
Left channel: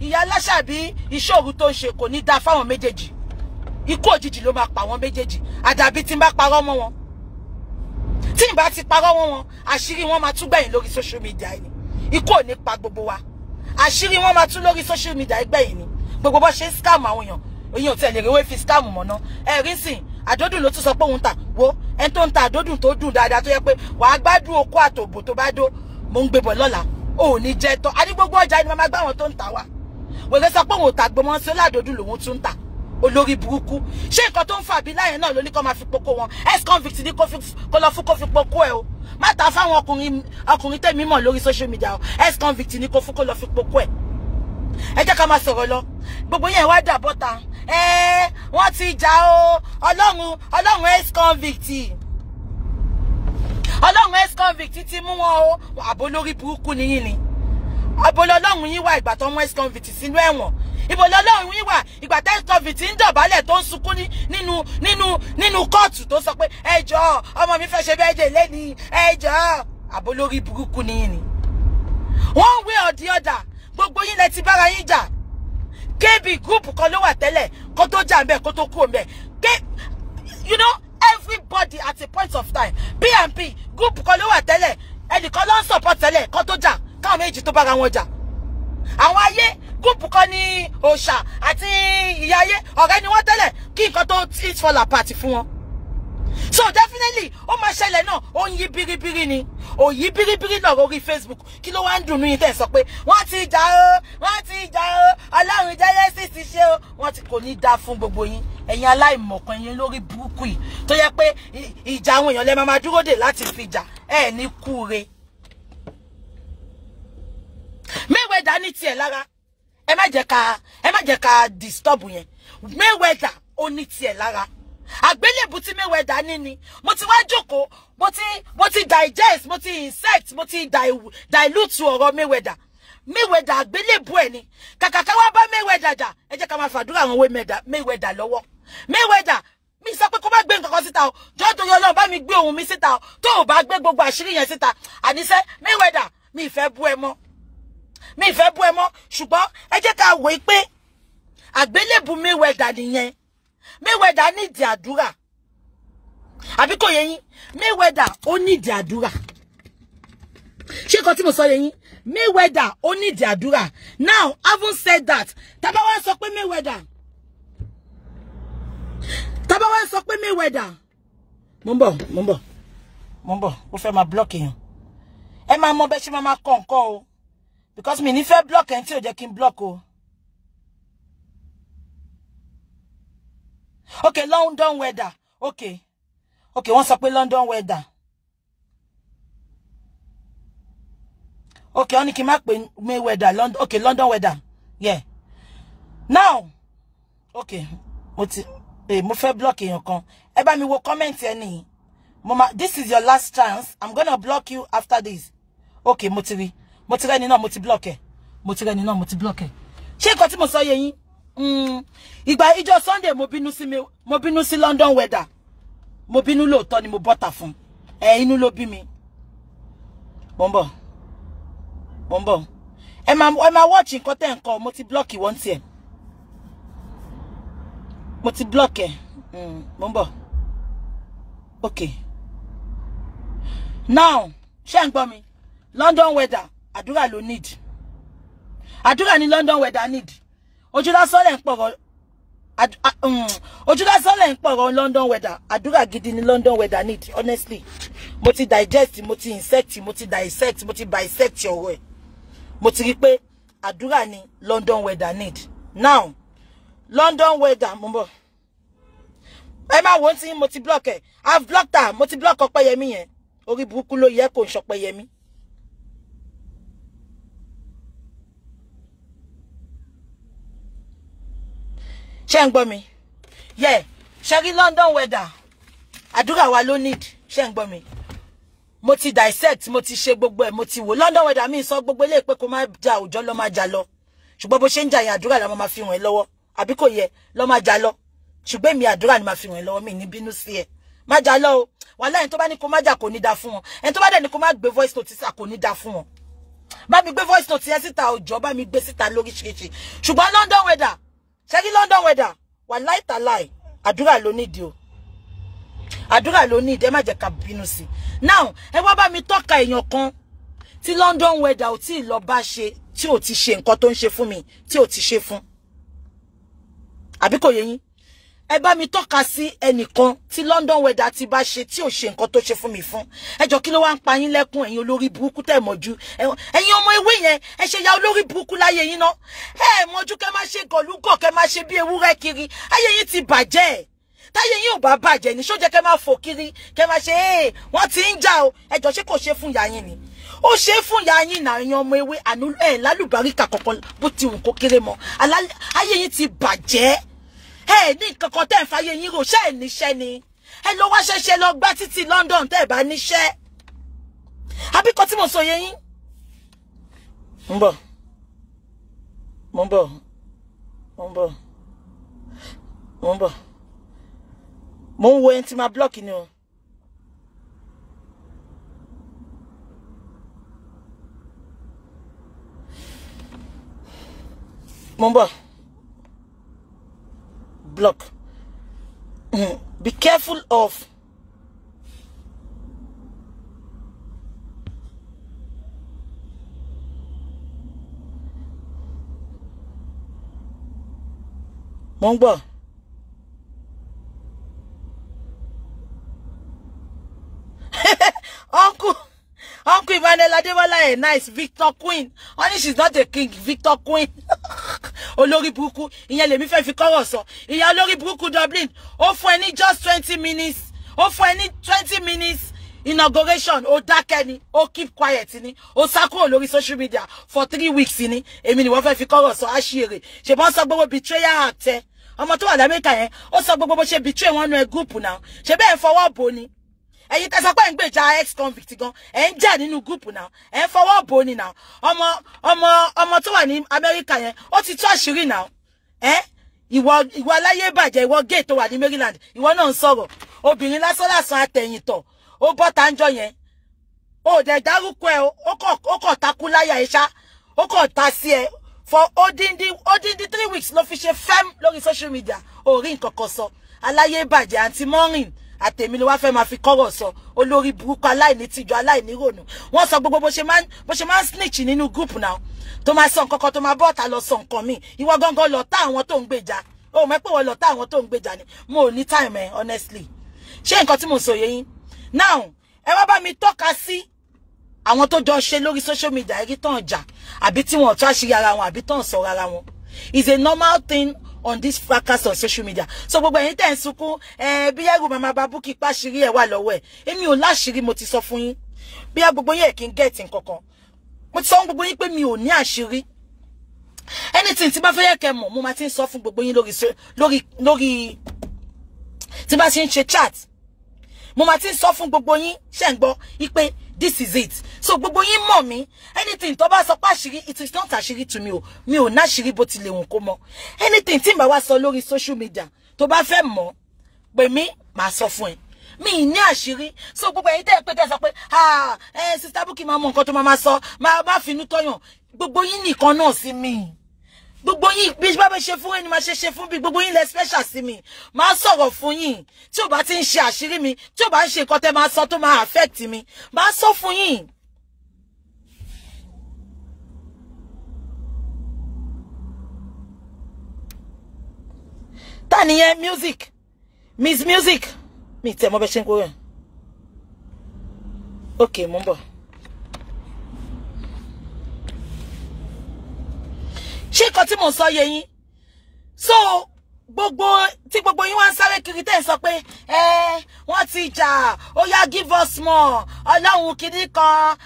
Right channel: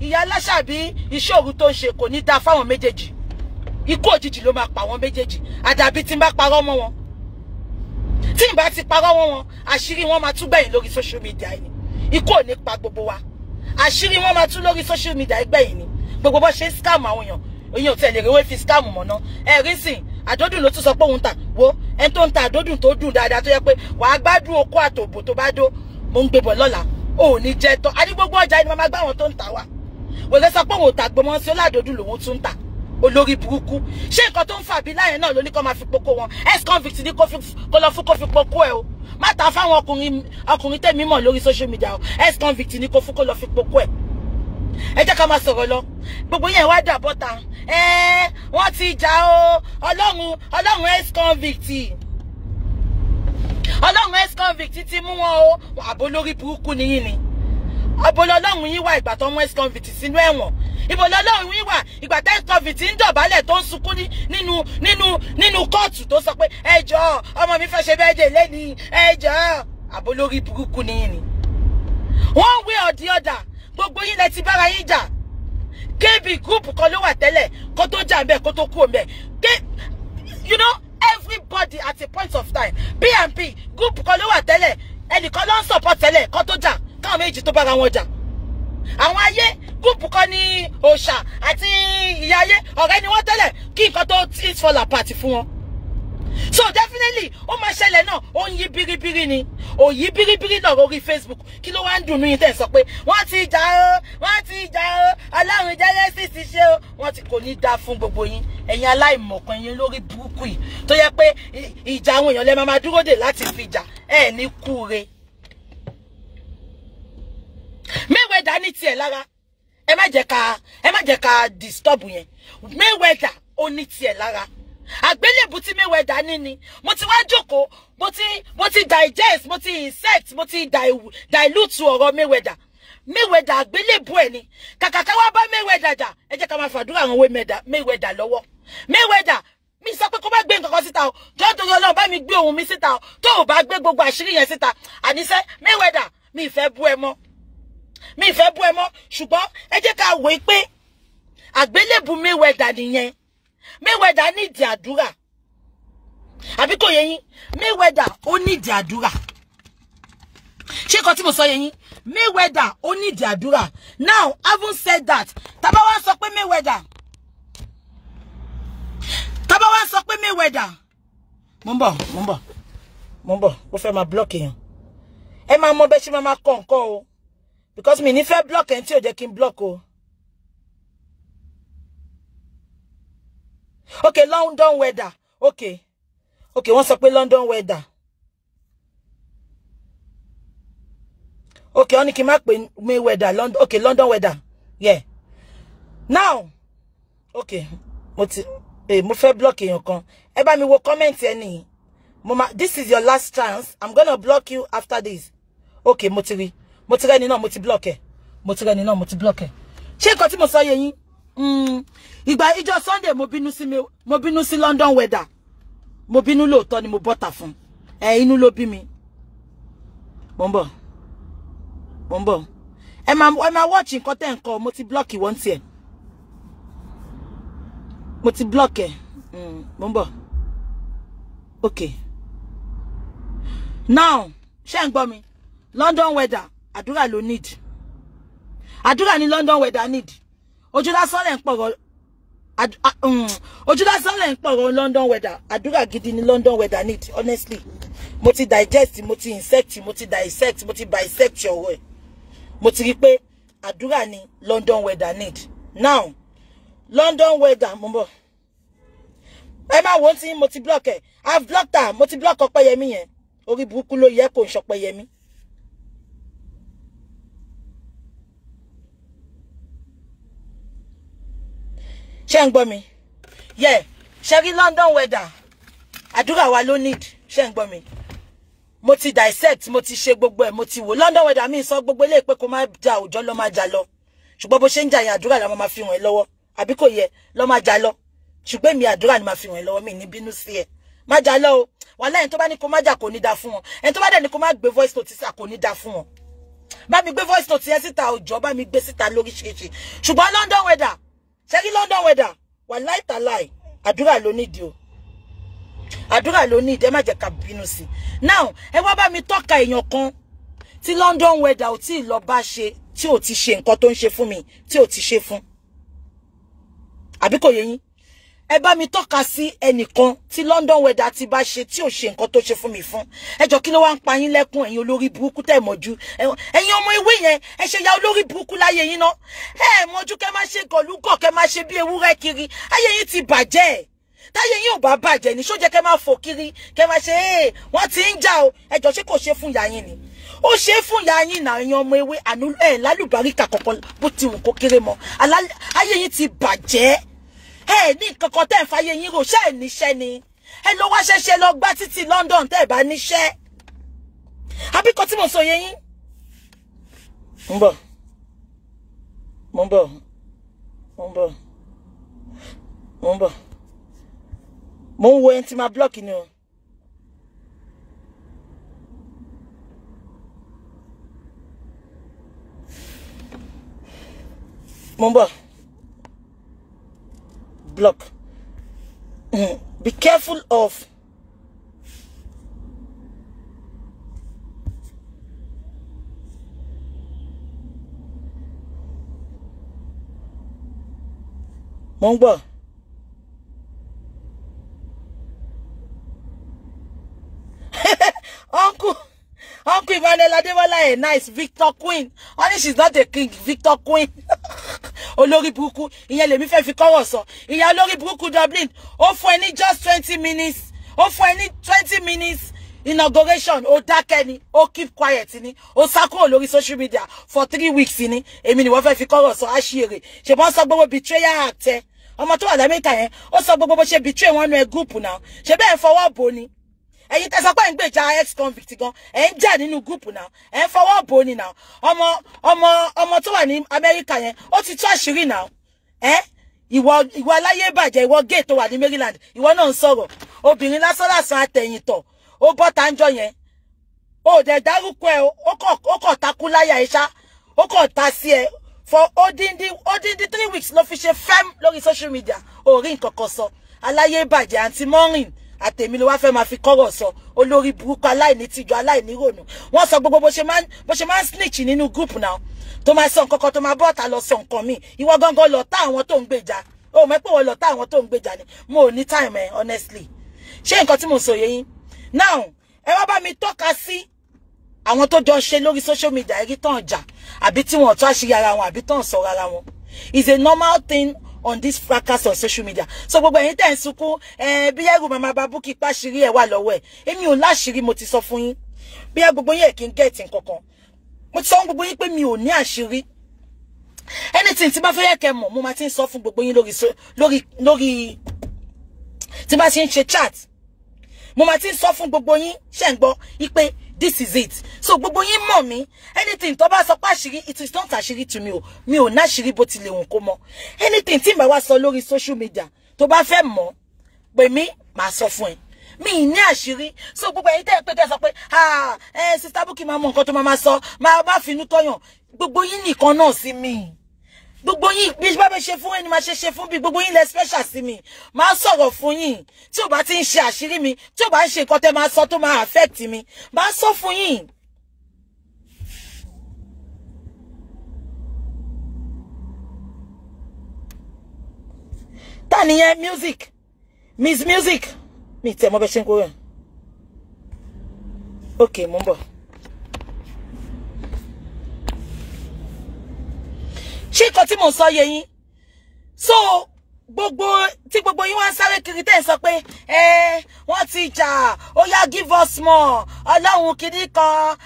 ìyá aláṣàbí ìṣòro tó ń ṣe kò ní da fáwọn méjèèjì ikú òjijì ló máa pa àwọn méjèèjì àdàbí tí n bá parọ́ mọ́ wọn tí n bá ti parọ́ mọ́ wọn àṣírí wọn máa tún gbẹ̀yìn lórí social media yìí ikú ò ní pa gbogbo wa àṣírí wọn máa tún lórí social media gbẹ̀yìn ni gbogbo bó ṣe ń scam àwọn èèyàn ò tẹ̀ lè rewé fi scam mọ̀ náà ẹ̀rí sìn àdódùn ló tún sọ pé òun tà wo ẹni tó ń ta àdódùn tó dùn dáadáa tó yẹ pé wàá gbádùn okó àtòbò tó bá dó mo ń gbé bọ̀ lọ́la ò ní jẹ́ tọ́ a ní gbogbo ọjà ni màmá gbá wọn tó ń tà wá wòlé sọ pé òun ò tà gbọmọ sí ọládòdùn lòun tún ń tà olórí burúkú ṣé nǹkan tó ń fà bí láyẹn náà ló ní kó máa fi poko wọn ex convict ní kó lọ fún kó fi poko ẹ o má ta fáwọn ọkùnrin tẹ̀mí mọ̀ lórí social media o ex convict ní kó fún kó lọ fi poko ẹ ẹ jẹ́ ká máa sọ̀rọ̀ lọ gbogbo yẹn wá dà bọ́ta wọ́n ti jà o ọlọ́run ex convict ti mú wọn o àbò lórí burúkú nìyí ni àbò lọ́lọ́run yín wà ìgbà tó mú ex convict sínú ẹ̀wọ̀n ìbò lọ́lọ́run yín wà ìgbà tó ex convict ń dọ̀bálẹ̀ tó ń sunkún nínú kóòtù tó sọ pé ẹ jọ̀ọ́ ọmọ mi fẹ́ ṣe birthday lẹ́ni ẹ jọ̀ọ́ àbò lórí burúkú nìyí ni one way or the other gbogbo yín lẹ ti bára yín jà KB group kan ló wà tẹ́lẹ̀ kó tó jà ńbẹ̀ kó tó kú ńbẹ̀ you know everybody at a point of time PNP group kan ló wà tẹ́lẹ̀ ẹnìkan ló ń support tẹ́lẹ̀ kó tó jà káwọn méjì tó bára wọn jà àwọn ayé group kan ní òòṣà àti ìyá ayé ọ̀rẹ́ ni wọ́n tẹ́lẹ̀ kí nǹkan tó it fall apart fún wọn so definitely ó máa ṣẹlẹ̀ náà ó ń yí biribiri ni ó yí biribiri lọ́rọ̀ orí Facebook kí ló wá ń dùnnú yín tẹ́ sọ pé wọ́n ti jà ó ọlọ́run Genesis ti ṣe ó wọ́n ti kò ní dá fún gbogbo yín ẹ̀yin aláìmọ̀kan yín lórí burúkú yìí tó yẹ pé ìjà àwọn èèyàn lẹ́ máa dúró dè láti fi jà ní kúre. Mayweather ní tiẹ̀ lára. Ẹ má jẹ́ ká disturb yẹn. Mayweather ó ní tiẹ̀ lára. Àgbélébù tí Mayweather ní ni. Mo ti wá jókòó, mo ti digest, mo ti insect, mo ti dilute ọ̀rọ̀ Mayweather. Mayweather àgbélébù ẹ̀ ni. Kàkà ká wá bá Mayweather jà. Ẹ jẹ́ ká máa fàdúrà àwọn Mayweather lọ́wọ́. Mayweather mi sọ pé kó bá gbé nǹkan kan síta o. Jọ́ torí Ọlọ́run bá mi gbé ohun mi síta o. Tó o bá gbé gbogbo àṣírí yẹn síta. Àníṣe Mayweather mi fẹ́ bú ẹ mọ́. Ṣùgbọ́n ẹ jẹ́ ká wò pé àgbélébù Mayweather nìyẹn. Mayweather ní ìdí àdúrà. Àbí kò yé yín? Mayweather ó ní ìdí àdúrà. Ṣé nǹkan tí mo sọ yé yín? Mayweather ó ní ìdí àdúrà. Now, having said that, tá bá wá sọ pé Mayweather. Mo ń bọ̀. Ó fẹ́ máa block èèyàn. Ẹ máa mọ bẹ́ẹ̀ ṣe máa kọ nǹkan o. Because mi ní fẹ́ block ẹni tí ò jẹ́ kí n block o. Okay, London weather. Okay, wọ́n sọ pé London weather. Okay, wọ́n ní kí n má pè Mayweather. Okay, London weather. Yeah. Now, okay, mo fẹ́ block èèyàn kan. Ẹ bá mi wo comment ẹni. This is your last chance. I'm gonna block you after this. Okay, mo ti rẹ́ ni náà, mo ti block ẹ. Ṣé nǹkan tí mo sọ yé yín? Ìgbà ìjọ Sunday mo bínú sí London weather. Mo bínú lóòótọ́ ni mo bọ́ta fún. Inú ló bí mi. Mo ń bọ̀. Ẹ máa watch nǹkan tẹ́ nǹkan. Mo ti block ìwọ́n tiẹ̀. Mo ti block ẹ. Mo ń bọ̀. Okay. Now, ṣé ń gbọ́ mi? London weather, àdúrà ló need. Àdúrà ni London weather need. Ojú lásán lẹ̀ ń pọ̀rọ̀ London weather. Àdúrà gidi ni London weather need, honestly. Mo ti digest, mo ti insect, mo ti dissect, mo ti bisect ọ̀rọ̀ ẹ̀. Mo ti rí pé àdúrà ni London weather need. Now, London weather, mo ń bọ̀. Ẹ máa wò ó tí mo ti block ẹ̀. I've blocked her. Mo ti block Ọpẹ́yẹmí yẹn. Orí burúkú ló yẹ kó ń ṣọpẹ́yẹmí. Ṣé ń gbọ́ mi? Yeah. Ṣé rí London weather. Àdúrà wa ló need. Ṣé ń gbọ́ mi? Mo ti dissect, mo ti ṣe gbogbo ẹ̀, mo ti wò. London weather mi sọ gbogbo ilé pé kó má jà òjò lọ má jà lọ. Ṣùgbọ́n bó ṣe ń jà yẹn àdúrà la máa fi hàn ẹ́ lọ́wọ́. Àbí kò yẹ lọ má jà lọ. Ṣùgbọ́n mi àdúrà ni máa fi hàn ẹ́ lọ́wọ́, mi ní bínú sí ẹ. Má jà lọ o. Wàhálà ẹni tó bá ní kó má jà kò ní dá fún wọn. Ẹni tó bá dẹ̀ ní kó má gbé voice note síta kò ní dá fún wọn. Bá mi gbé voice note yẹn síta òjò, bá mi gbé síta lóríṣiríṣi. Ṣùgbọ́n London weather. Ṣé rí London weather? Wàláì tàláì. Àdúrà ló nídìí o. Àdúrà ló nídìí, ẹ má jẹ́ ká bínú sí. Now, ẹ wá bá mi tọ́ka èèyàn kan tí London weather ò tí lọ bá ṣe, tí ò ti ṣe nǹkan tó ń ṣe fún mi, tí ò ti ṣe fún. Àbí kò yé yín? Ẹ bá mi tọ́ka sí ẹnìkan tí London weather ti bá ṣe tí ò ṣe nǹkan tó ṣe fún mi fún. Ẹ jọ̀ọ́ kí ló wá ń pa yín lẹ́kún ẹ̀yin olórí burúkú tẹ́ mọ̀jú. Ẹ̀yin ọmọ ewé yẹn, ẹ ṣe ya olórí burúkú láyé yín náà. Ẹ mọ̀jú kẹ́ máa ṣe gọ̀lúgọ̀, kẹ́ máa ṣe bí ewúrẹ́ kiri. Ayé yín ti bàjẹ́. Táyé yín ò bá bàjẹ́ ni, ṣó jẹ́ kẹ́ máa fò kiri, kẹ́ máa ṣe wọ́n ti ń jà o. Ẹ jọ̀ọ́ ṣé kò ṣe fún ìyá yín ni? Ó ṣe fún ìyá yín náà, ẹ̀yin ọmọ ewé àánú lálùbáríkà kankan bó ti wù kó kéré mọ́. Ayé yín ti bàjẹ́. Ní kankan tẹ́ ń fàyè yín rò, ṣé ẹ̀ níṣẹ́ ni? Ẹ lọ wá ṣẹ̀ṣẹ̀ lọ gbá títì London tẹ́ ẹ̀ bá níṣẹ́. Àbí kan tí mo sọ yé yín? Mo ń bọ̀. Mo ń wo ẹni tí máa block ni o. Mo ń bọ̀. Block. Be careful of mo ń gbọ́. Uncle Emmanuel Adebola, nice. Victor Queen. Only she's not a king. Victor Queen. Olórí burúkú. Ìyẹn lèmi fẹ́ fi kọ́rọ̀ sọ. Ìyá olórí burúkú Dublin. Ó fún ẹ ní just 20 minutes. Ó fún ẹ ní 20 minutes. inauguration ó dákẹ́ ni, ó keep quiet ni, ó sá kúrò lórí social media for 3 weeks ni. Èmi ni wọ́n fẹ́ fi kọ́rọ̀ sọ àṣírí. Ṣé bọ́n sọ gbogbo betrayal act ẹ. Ọmọ tó wà l'Amẹ́ríkà yẹn, ó sọ gbogbo bó ṣe betray wọn nú group now. Ṣé bẹ́ẹ̀ fọwọ́ bò ni. Ẹ̀yin tẹ́ sọ pé ń gbèjà ex convict gan, ẹ ń jà nínú group now. Ẹ fọwọ́ bò ni now. Ọmọ tó wà ní Amẹ́ríkà yẹn, ó ti tú àṣírí now. Ìwọ aláyé bàjẹ́, ìwọ gay tó wà ní Maryland, ìwọ náà ń sọ̀rọ̀. Obìnrin lásán àtẹ̀yìntọ̀, ó bọ́ tánjọ́ yẹn. Ó dẹ̀ dárúkọ ẹ, ó kọ̀ takú láyà ẹ ṣá, ó kọ̀ ta sí ẹ. For odindi 3 weeks ló fi ṣe fem lórí social media. Ó rí nǹkan kan sọ. Aláyé bàjẹ́ àǹtí Mọ́rìn àtèmi ló wá fẹ́ máa fi kọ́rọ̀ sọ. Olórí burúkú aláìní tìjú aláìní rònú. Wọ́n sọ gbogbo bó ṣe máa ń snitch nínú group now. Tó máa sọ nǹkan kan tó máa bọ́ta lọ sọ nǹkan mi. Ìwọ gangan lọ tá àwọn tó ń gbèjà. Ó mọ̀ pé wọ́n lọ tá àwọn tó ń gbèjà ni. Mo ò ní time honestly. Ṣé nǹkan tí mo sọ yé yín? Now, ẹ wá bá mi tọ́ka sí àwọn tó jọ ṣe lórí social media ẹ̀rí tán jà àbí tí wọ́n tó àṣírí ara wọn àbí tán sọ̀rọ̀ ara wọn. It's a normal thing on this fracas on social media. So gbogbo ẹ̀yin tẹ́ ń sunkún bí ẹrù màmá Babuki pàṣírí ẹ̀ wà lọ́wọ́ ẹ̀. Èmi ò láṣírí mo ti sọ fún yín. Bí gbogbo yín kí n get nǹkan kan. Mo ti sọ fún gbogbo yín pé mi ò ní àṣírí. Anything tí bá fẹ́ yẹ kẹ́ mọ̀ mo máa ti ń sọ fún gbogbo yín lórí tí bá ti ń ṣe chat. Mo máa ti ń sọ fún gbogbo yín ṣé ń gbọ́ wípé this is it. So gbogbo yín mọ̀ mí. Anything tó bá sọ pé àṣírí, it is not àṣírí to me o. Mi ò ná àṣírí bó tilẹ̀ wùn kó mọ̀. Anything tí n bá wá sọ lórí social media tó bá fẹ́ mọ̀ pé mi máa sọ fún ẹ. Mi ní àṣírí. So gbogbo ẹ̀yin tẹ́ pé tẹ́ sọ pé Sister Bukky máa mọ nǹkan tó máa sọ, máa finú tọ́yàn. Gbogbo yín nìkan náà sí mi. Gbogbo yín bí bá ṣe fún ẹni máa ṣe fún bí gbogbo yín lẹ special sí mi. Máa sọ̀rọ̀ fún yín. Tí ó bá ti ń ṣe àṣírí mi, tí ó bá ń ṣe nǹkan tẹ́ máa sọ tó máa affect mi, máa sọ fún yín. Ta ni yẹn music? Miss Music. Mi tẹ́ mọ̀ bẹ́ ṣe ń kó rẹ̀. Okay, mo ń bọ̀. Ṣé nǹkan tí mo sọ yé yín? So gbogbo yín wá ń sáré kiri tẹ́ sọ pé wọ́n ti jà, ó yá give us more, Ọlọ́run kìíní kan,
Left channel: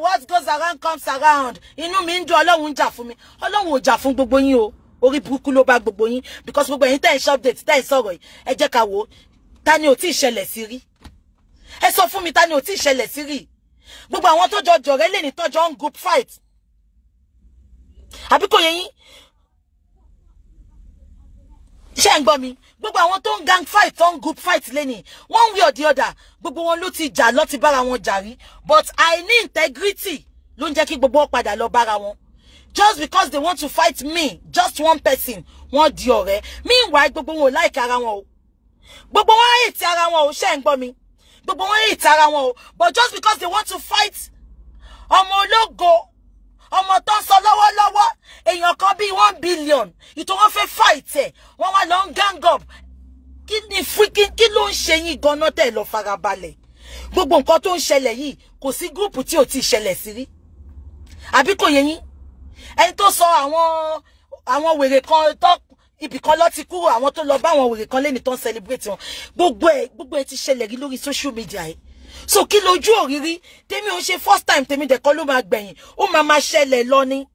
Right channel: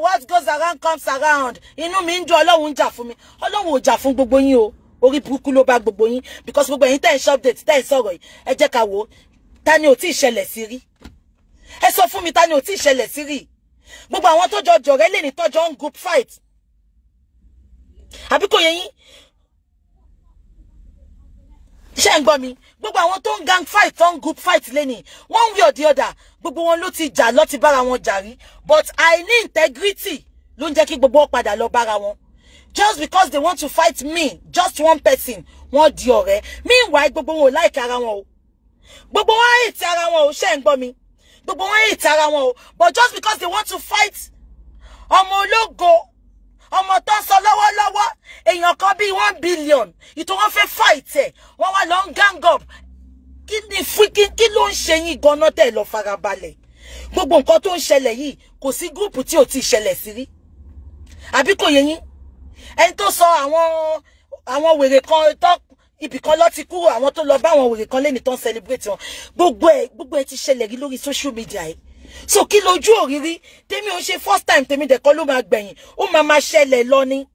what goes around comes around. Inú mi ń dùn, Ọlọ́run ń jà fún mi. Ọlọ́run ò jà fún gbogbo yín o. Orí burúkú ló bá gbogbo yín because gbogbo yín tẹ́ ń ṣe update tẹ́ ń sọ̀rọ̀ yìí. Ẹ jẹ́ ká wò ta ni ò tí ì ṣẹlẹ̀ sí rí. Ẹ sọ fún mi ta ni ò tí ì ṣẹlẹ̀ sí rí. Gbogbo àwọn tó jọ jọ̀rẹ́ lè ní tọ́jọ́ ń group fight. Àbí kò yé yín? Ṣé ń gbọ́ mi? Gbogbo àwọn tó ń gang fight, tó ń group fight lẹ́ni, one way or the other, gbogbo wọn ló ti jà, ló ti bára wọn jà rí. But àìní integrity ló ń jẹ́ kí gbogbo wọn padà lọ bára wọn. Just because they want to fight me, just one person, wọ́n di ọ̀rẹ́. Meanwhile, gbogbo wọn ò like ara wọn o. Gbogbo wọn hate ara wọn o, ṣé ń gbọ́ mi? Gbogbo wọn hate ara wọn o. But just because they want to fight ọmọ ológo, ọmọ tó ń sọ lọ́wọ́lọ́wọ́, èèyàn kan bí 1 billion, ìtò wọn fẹ́ fight ẹ̀, wọ́n wá lọ ń gang up. Kí ló ń ṣe yín gan-an tẹ́ lọ farabalẹ̀? Gbogbo nǹkan tó ń ṣẹlẹ̀ yìí, kò sí gúrùpù tí ò ti ṣẹlẹ̀ sí rí. Àbí kò yé yín? Ẹni tó sọ àwọn wèrè kan tó ibì kan lọ ti kúrò, àwọn tó lọ bá àwọn wèrè kan lẹ́ni tó ń celebrate wọn. Gbogbo ẹ̀ ti ṣẹlẹ̀ rí lórí social media yìí. So kí lójú òrírí tèmi ò ṣe first time tèmi dẹ̀kọ́ ló máa gbẹ̀yìn, ó máa ṣẹlẹ̀ lọ ni.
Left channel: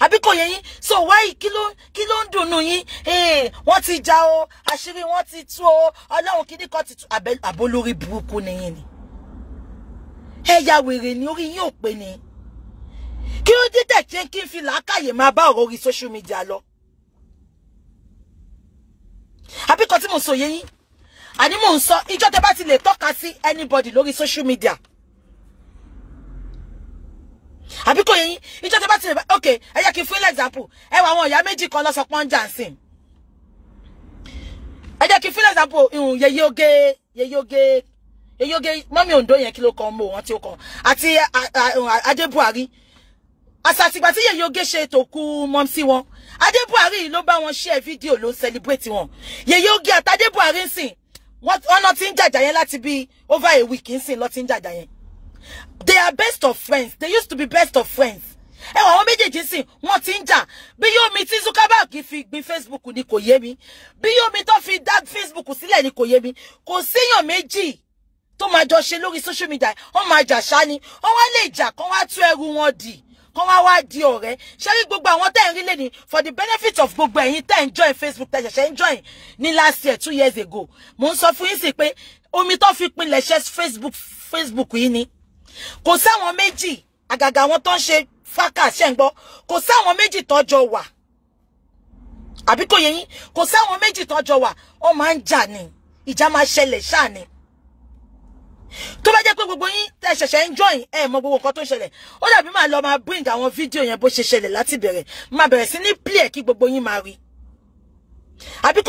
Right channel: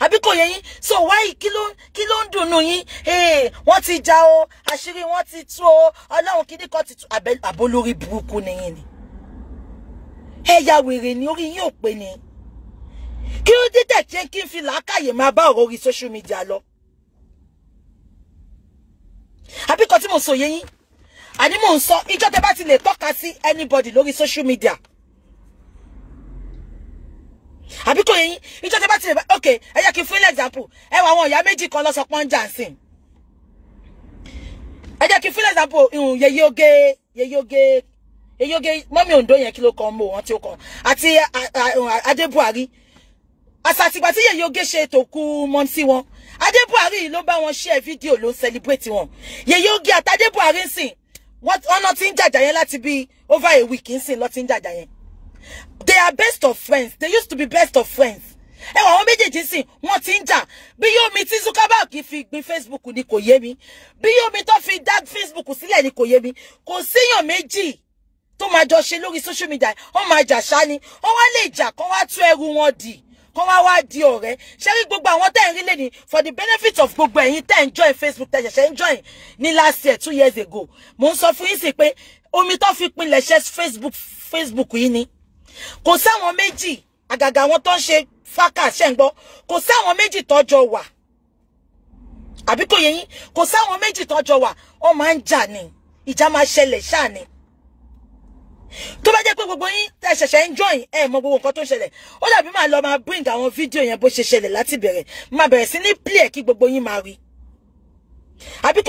Àbí kò yé yín? So why kí ló ń dùnnú yín? Wọ́n ti jà o, àṣírí wọn ti tú o, Ọlọ́run kìíní kan ti tú. Àbólórí burúkú ni yín ni. Ya wèrè ni orí yín ò pé ni. Kí ó dé tẹ̀ kí n fi làákàyè máa bá ọ̀rọ̀ orí social media lọ. Àbí kan tí mo sọ yé yín? Àní mò ń sọ ìjọ tẹ́ bá ti lè tọ́ka sí anybody lórí social media. Àbí kò yé yín? Ìjọ tẹ́ bá ti lè okay, ẹ jẹ́ kí n fún example. Ẹ wá àwọn ìyá méjì kan lọ sọ pọ́n Jansin. Ẹ jẹ́ kí n fún example Yeye Oge mọ́mí Ondo yẹn kí ló kàn mọ́ wọn tí ó kàn àti Adé Buhari. Àsàtìgbà tí Yeye Oge ṣe tó kú mọ́ sí wọn. Adé Buhari ló bá wọn share video ló celebrate wọn. Yeye Oge àti Adé Buhari sìn wọ́n not in jàjà yẹn láti bí over a week nsìn lọ tin jàjà yẹn. They are best of friends. They used to be best of friends. Ẹ wá wọn méjèèjì nsìn wọ́n tin jà. Bí yóò mi tí Zuckerberg fi gbé Facebook ni kò yé mi. Bí yóò mi tó fi dá Facebook sílẹ̀ ni kò yé mi. Kò síyàn méjì tó máa jọ ṣe lórí social media wọ́n máa jà ṣá ni wọ́n wá lè jà kán wá tú ẹrù wọn dì kán wá di ọ̀rẹ́ ṣé rí gbogbo àwọn tẹ́ ń rí lẹ́ni for the benefit of gbogbo ẹ̀yin tẹ́ ń join Facebook tẹ́ ṣẹ̀ṣẹ̀ ń join ní last year 2 years ago mo ń sọ fún yín sí pé omi tó fi pinlẹ̀ ṣe Facebook yìí ni kò sáwọn méjì àgàgà àwọn tó ń ṣe fákà ṣe ń gbọ́ kò sáwọn méjì tọ́jọ́ wà àbí kò yẹ yín kò sáwọn méjì tọ́jọ́ wà wọ́n máa ń jà ní ìjà máa ṣẹlẹ̀ ṣáà ni tó bá jẹ́ pé gbogbo yín tẹ́ ṣẹ̀ṣẹ̀ ń join mọ gbogbo nǹkan tó ń ṣẹlẹ̀ ó dàbí máa lọ máa bring àwọn fídíò yẹn bó ṣe ṣẹlẹ̀ láti bẹ̀rẹ̀ máa bẹ̀rẹ̀ sí ní play kí gbogbo yín máa rí àbí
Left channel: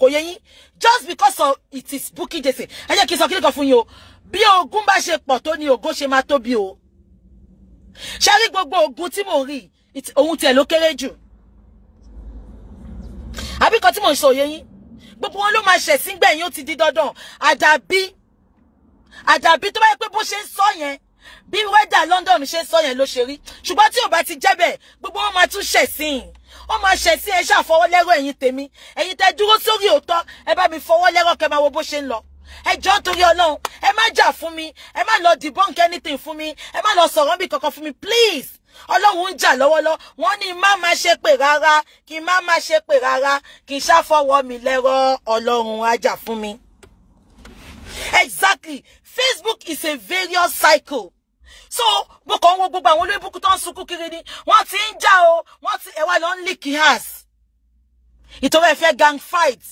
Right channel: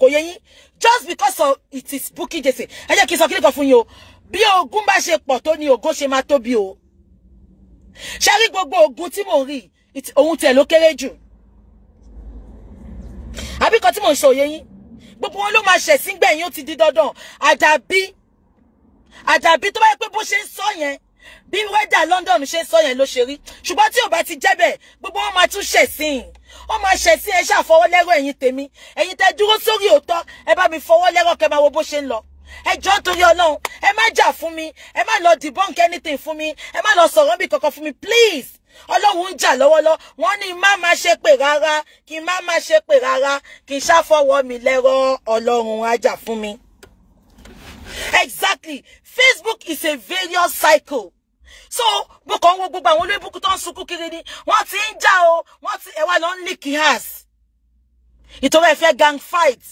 kò yẹ yín just because of it is Bukky Jesse ẹ jẹ́ kí n sọ kílíkan fún yín o bí ogun bá ṣe pọ̀ tó ní ògo ṣe máa tóbi o ṣe rí gbogbo ogun tí mò ń rí ohun tiẹ̀ ló kéré jù àbí kan tí mò ń sọ yẹ yín gbogbo wọn ló máa ṣẹ̀ sí gbẹ̀yìn ó ti di dandan àdàbí tó bá yẹ pé bó ṣe ń sọ yẹn bí wẹ́dà London ṣe ń sọ yẹn ló ṣe rí ṣùgbọ́n tí ò bá ti jẹ́ bẹ́ẹ̀ gbogbo wọn máa tún ṣẹ̀ sí wọ́n máa ṣẹ̀ sí ẹ ṣàfọwọ́lẹ́rọ̀ ẹ̀yin tèmi ẹ̀yin tẹ́ dúró sórí òótọ́ ẹ bá mi fọwọ́lẹ́rọ̀ kẹ́ máa wo bó ṣe ń lọ ẹ jọ̀ọ́ torí Ọlọ́run ẹ má jà fún mi ẹ má lọ debunk anything fún mi ẹ má lọ sọ̀rọ̀ bí kankan fún mi please Ọlọ́run ń jà lọ́wọ́lọ́wọ́ wọ́n ní má má ṣe pé rárá kí má má ṣe pé rárá kí ṣàfọwọ́ mi lẹ́rọ̀ Ọlọ́run á jà fún mi. Exactly. Facebook is a various cycle. So, mo kàn wo gbogbo àwọn olóyìnbó tó ń sunkún kiri ni wọ́n ti ń jà o wọ́n ti ẹwà lọ ń lick house. Ìtọ́wọ́ ẹ fẹ́ gang fight.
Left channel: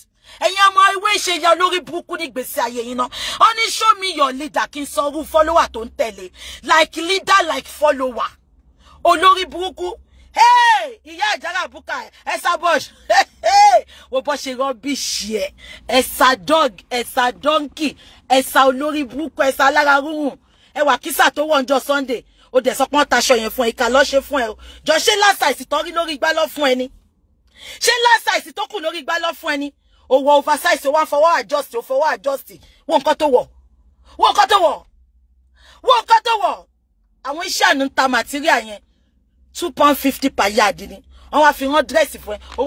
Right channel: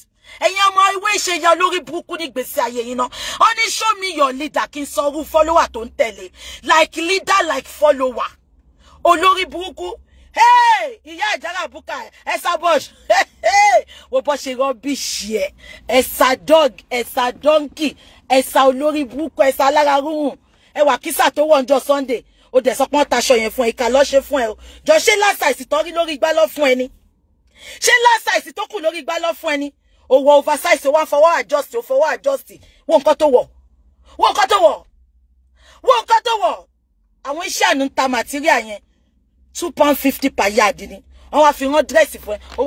Ẹ̀yin ọmọ ìwé ìṣẹ̀yà lórí burúkú ní gbèsè ayé yín náà. Ó ní show me your leader kí n sọ irú follower tó ń tẹ̀lé. Like leader like follower. Olórí burúkú. Hey! Ìyá Àjàrà Bukka Ẹ̀sà Bush. Hey! Wo bó ṣe rubbish ẹ̀. Ẹ̀sà dog, Ẹ̀sà donkey, Ẹ̀sà olórí burúkú, Ẹ̀sà alára rúrùn. Ẹ wà kísà tó wọ̀ ọjọ́ Sunday. Ó dẹ̀ sọ pé wọ́n taṣọ yẹn fún ẹ ìkà ló ṣe fún ẹ o. Jọ ṣé last size tó rí lórí igbá lọ fún ẹ ni. Ṣé last size tó kù lórí igbá lọ fún ẹ ni. Ó wọ oversize ó wá fọwọ́ adjust ó fọwọ́ adjust. Wo nǹkan tó wọ̀. Wo nǹkan tó wọ̀. Wo nǹkan tó wọ̀. Àwọn iṣẹ́ àánú ta material yẹn. £2.50 per yard ni. Wọ́n wá fi wọ́n dress fún ẹ. Ó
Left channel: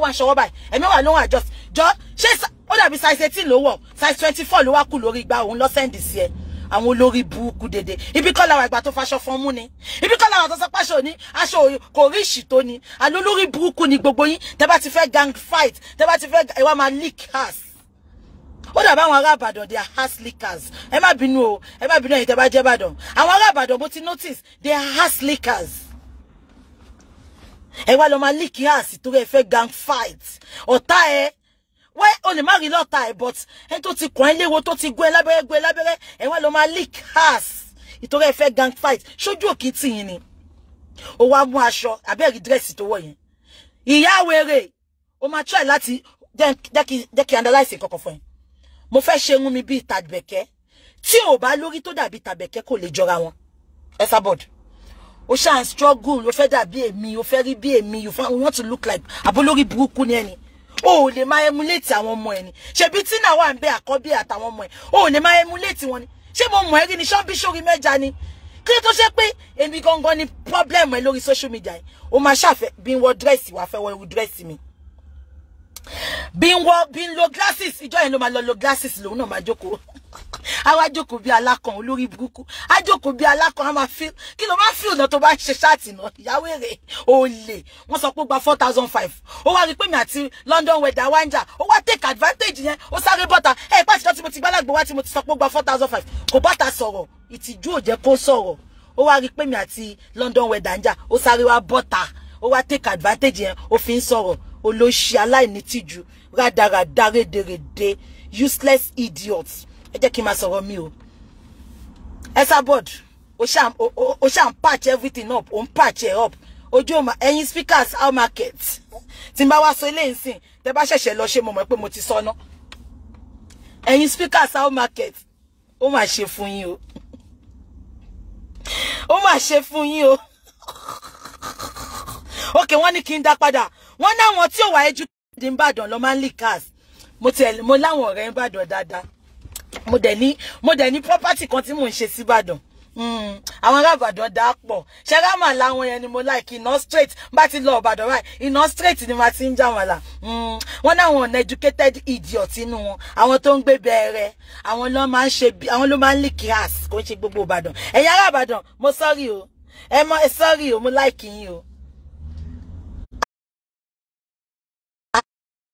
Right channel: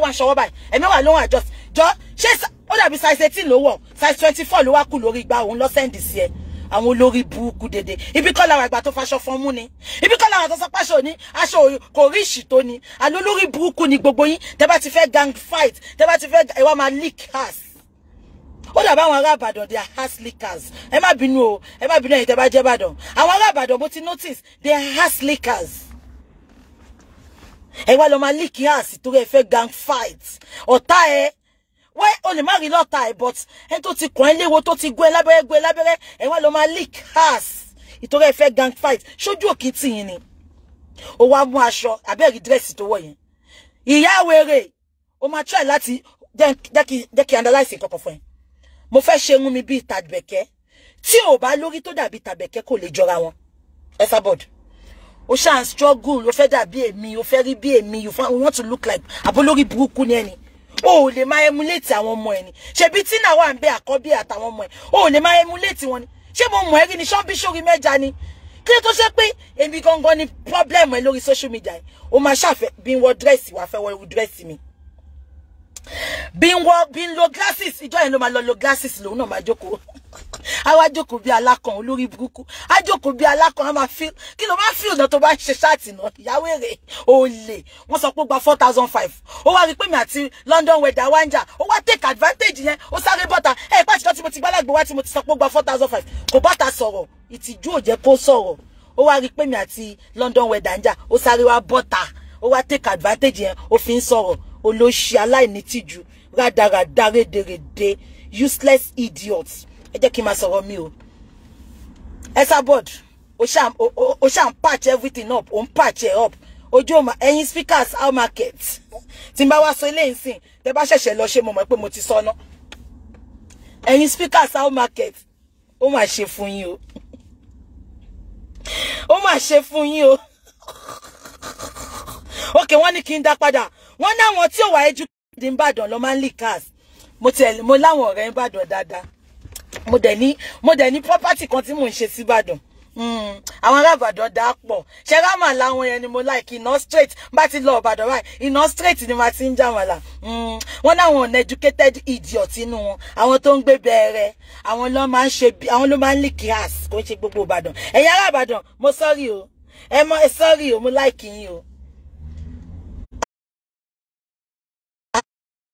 wá ṣọwọ́ báyìí. Ẹ̀mí wà lóhun adjust. Jọ ṣé ó dàbí size 18 ló wọ̀. Size 24 ló wá kù lórí igbá òun lọ send sí ẹ. Àwọn olórí burúkú dédé ibi kọ́ làwọn ìgbà tó faṣọ fún mú ni ibi kọ́ làwọn tó sọ páṣọ ní aṣọ kò rí ìṣìtò ni àlọ́ olórí burúkú ni gbogbo yín tẹ́ bá ti fẹ́ gang fight tẹ́ bá ti fẹ́ ẹ wá máa leak house ó dàbí àwọn ará Ìbàdàn they are house leakers ẹ má bínú o ẹ má bínú ẹ̀yin tẹ́ bá jẹ́ Ìbàdàn àwọn ará Ìbàdàn mo ti notice they are house leakers ẹ wá lọ máa leak house torí ẹ fẹ́ gang fight ọ̀tá ẹ why only marry lọ́ta ẹ̀ but ẹni tó ti kàn ẹ́ léwo tó ti gbé lábẹ́rẹ́ ẹ̀ wá lọ máa leak house ìtorí ẹ fẹ́ gang fight ṣojú òkè tì yín ni ó wá mú aṣọ abẹ́rẹ́ dírẹ́sì tó wọ̀ yẹn ìyá wèrè ó máa try láti jẹ́ kí analyse kankan fún ẹ mo fẹ́ ṣe irun mi bíi tàbẹ̀kẹ́ tí ò bá lórí tó dàbí tàbẹ̀kẹ́ kò lè jọra wọn Ẹ̀sà board ó ṣáà ń struggle ó fẹ́ dàbí èmi ó fẹ́ rí bí èmi you want to look like àbólórí burúkú ni ẹni o lè máa emulate àwọn ọmọ ẹ ni ṣebí tí náà wà ń bẹ àkọ́bí àtàwọn ọmọ ẹ o lè máa emulate wọn ni ṣé mo mọ̀ ẹ́ rí ni ṣọ́bí sórí mẹ́ja ni kí ló tó ṣe pé èmi gangan ni problem ẹ lórí social media yìí o máa ṣàfẹ́ bí n wọ dírẹ́sì wà fẹ́ wọ dírẹ́sì mi bí n lo glasses ìjọ yẹn ló máa lo glasses lòun náà máa jókòó àwa jókòó bí alákan olórí burúkú á jókòó bí alákan á máa feel kí ló máa feel náà tó bá ṣe ṣáàtì náà ìyàwó èrè olè wọ́n sọ pé ó gba 4,500 ó wá rí pé mi àti London weather wá ń jà ó wá take advantage yẹn ó sáré bọ́ta pàṣẹ tí mo ti gbálàgbé wá tí mo ti sọ pé ó gba 4,500 kò bọ́ta sọ̀rọ̀ ìtìjú ò jẹ́ kó sọ̀rọ̀ ó wá rí pé mi àti London weather ń jà ó sáré wá bọ́ta ó wá take advantage yẹn ó fi ń sọ̀rọ̀ olóṣì aláìnítìjú rádaràdá rédèrèdè useless idiots ẹ jẹ́ kí n máa sọ̀rọ̀ mi o Ẹ̀sà board o ṣá ń patch everything up o ń patch it up ojú ọmọ ẹ̀yin speakers how market tí n bá wá sọ eléyìí sìn tẹ́ bá ṣẹ̀ṣẹ̀ lọ ṣe mo mọ̀ pé mo ti sọ ná ẹ̀yin speakers how market ó máa ṣe fún yín o ó máa ṣe fún yín o okay wọ́n ní kí n dá padà wọ́n ní àwọn tí ò wá educated ní Ìbàdàn ló máa ń leak cars mo láwọn ọ̀rẹ́ Ìbàdàn dáadáa mo dẹ̀ ní property kan tí mò ń ṣe sí Ìbàdàn àwọn ará Ìbàdàn dá pọ̀ ṣe rámà láwọn yẹn ni mo like iná straight bá ti lọ Ìbàdàn báyìí iná straight ni ma ti ń já wọn là wọ́n náà wọn uneducated idiot inú wọn àwọn tó ń gbé bẹ̀rẹ̀ àwọn ló máa ń ṣe àwọn ló máa ń lick ass kò ń ṣe gbogbo Ìbàdàn ẹ̀yin ará Ìbàdàn mo sorry o sorry o mo like yín o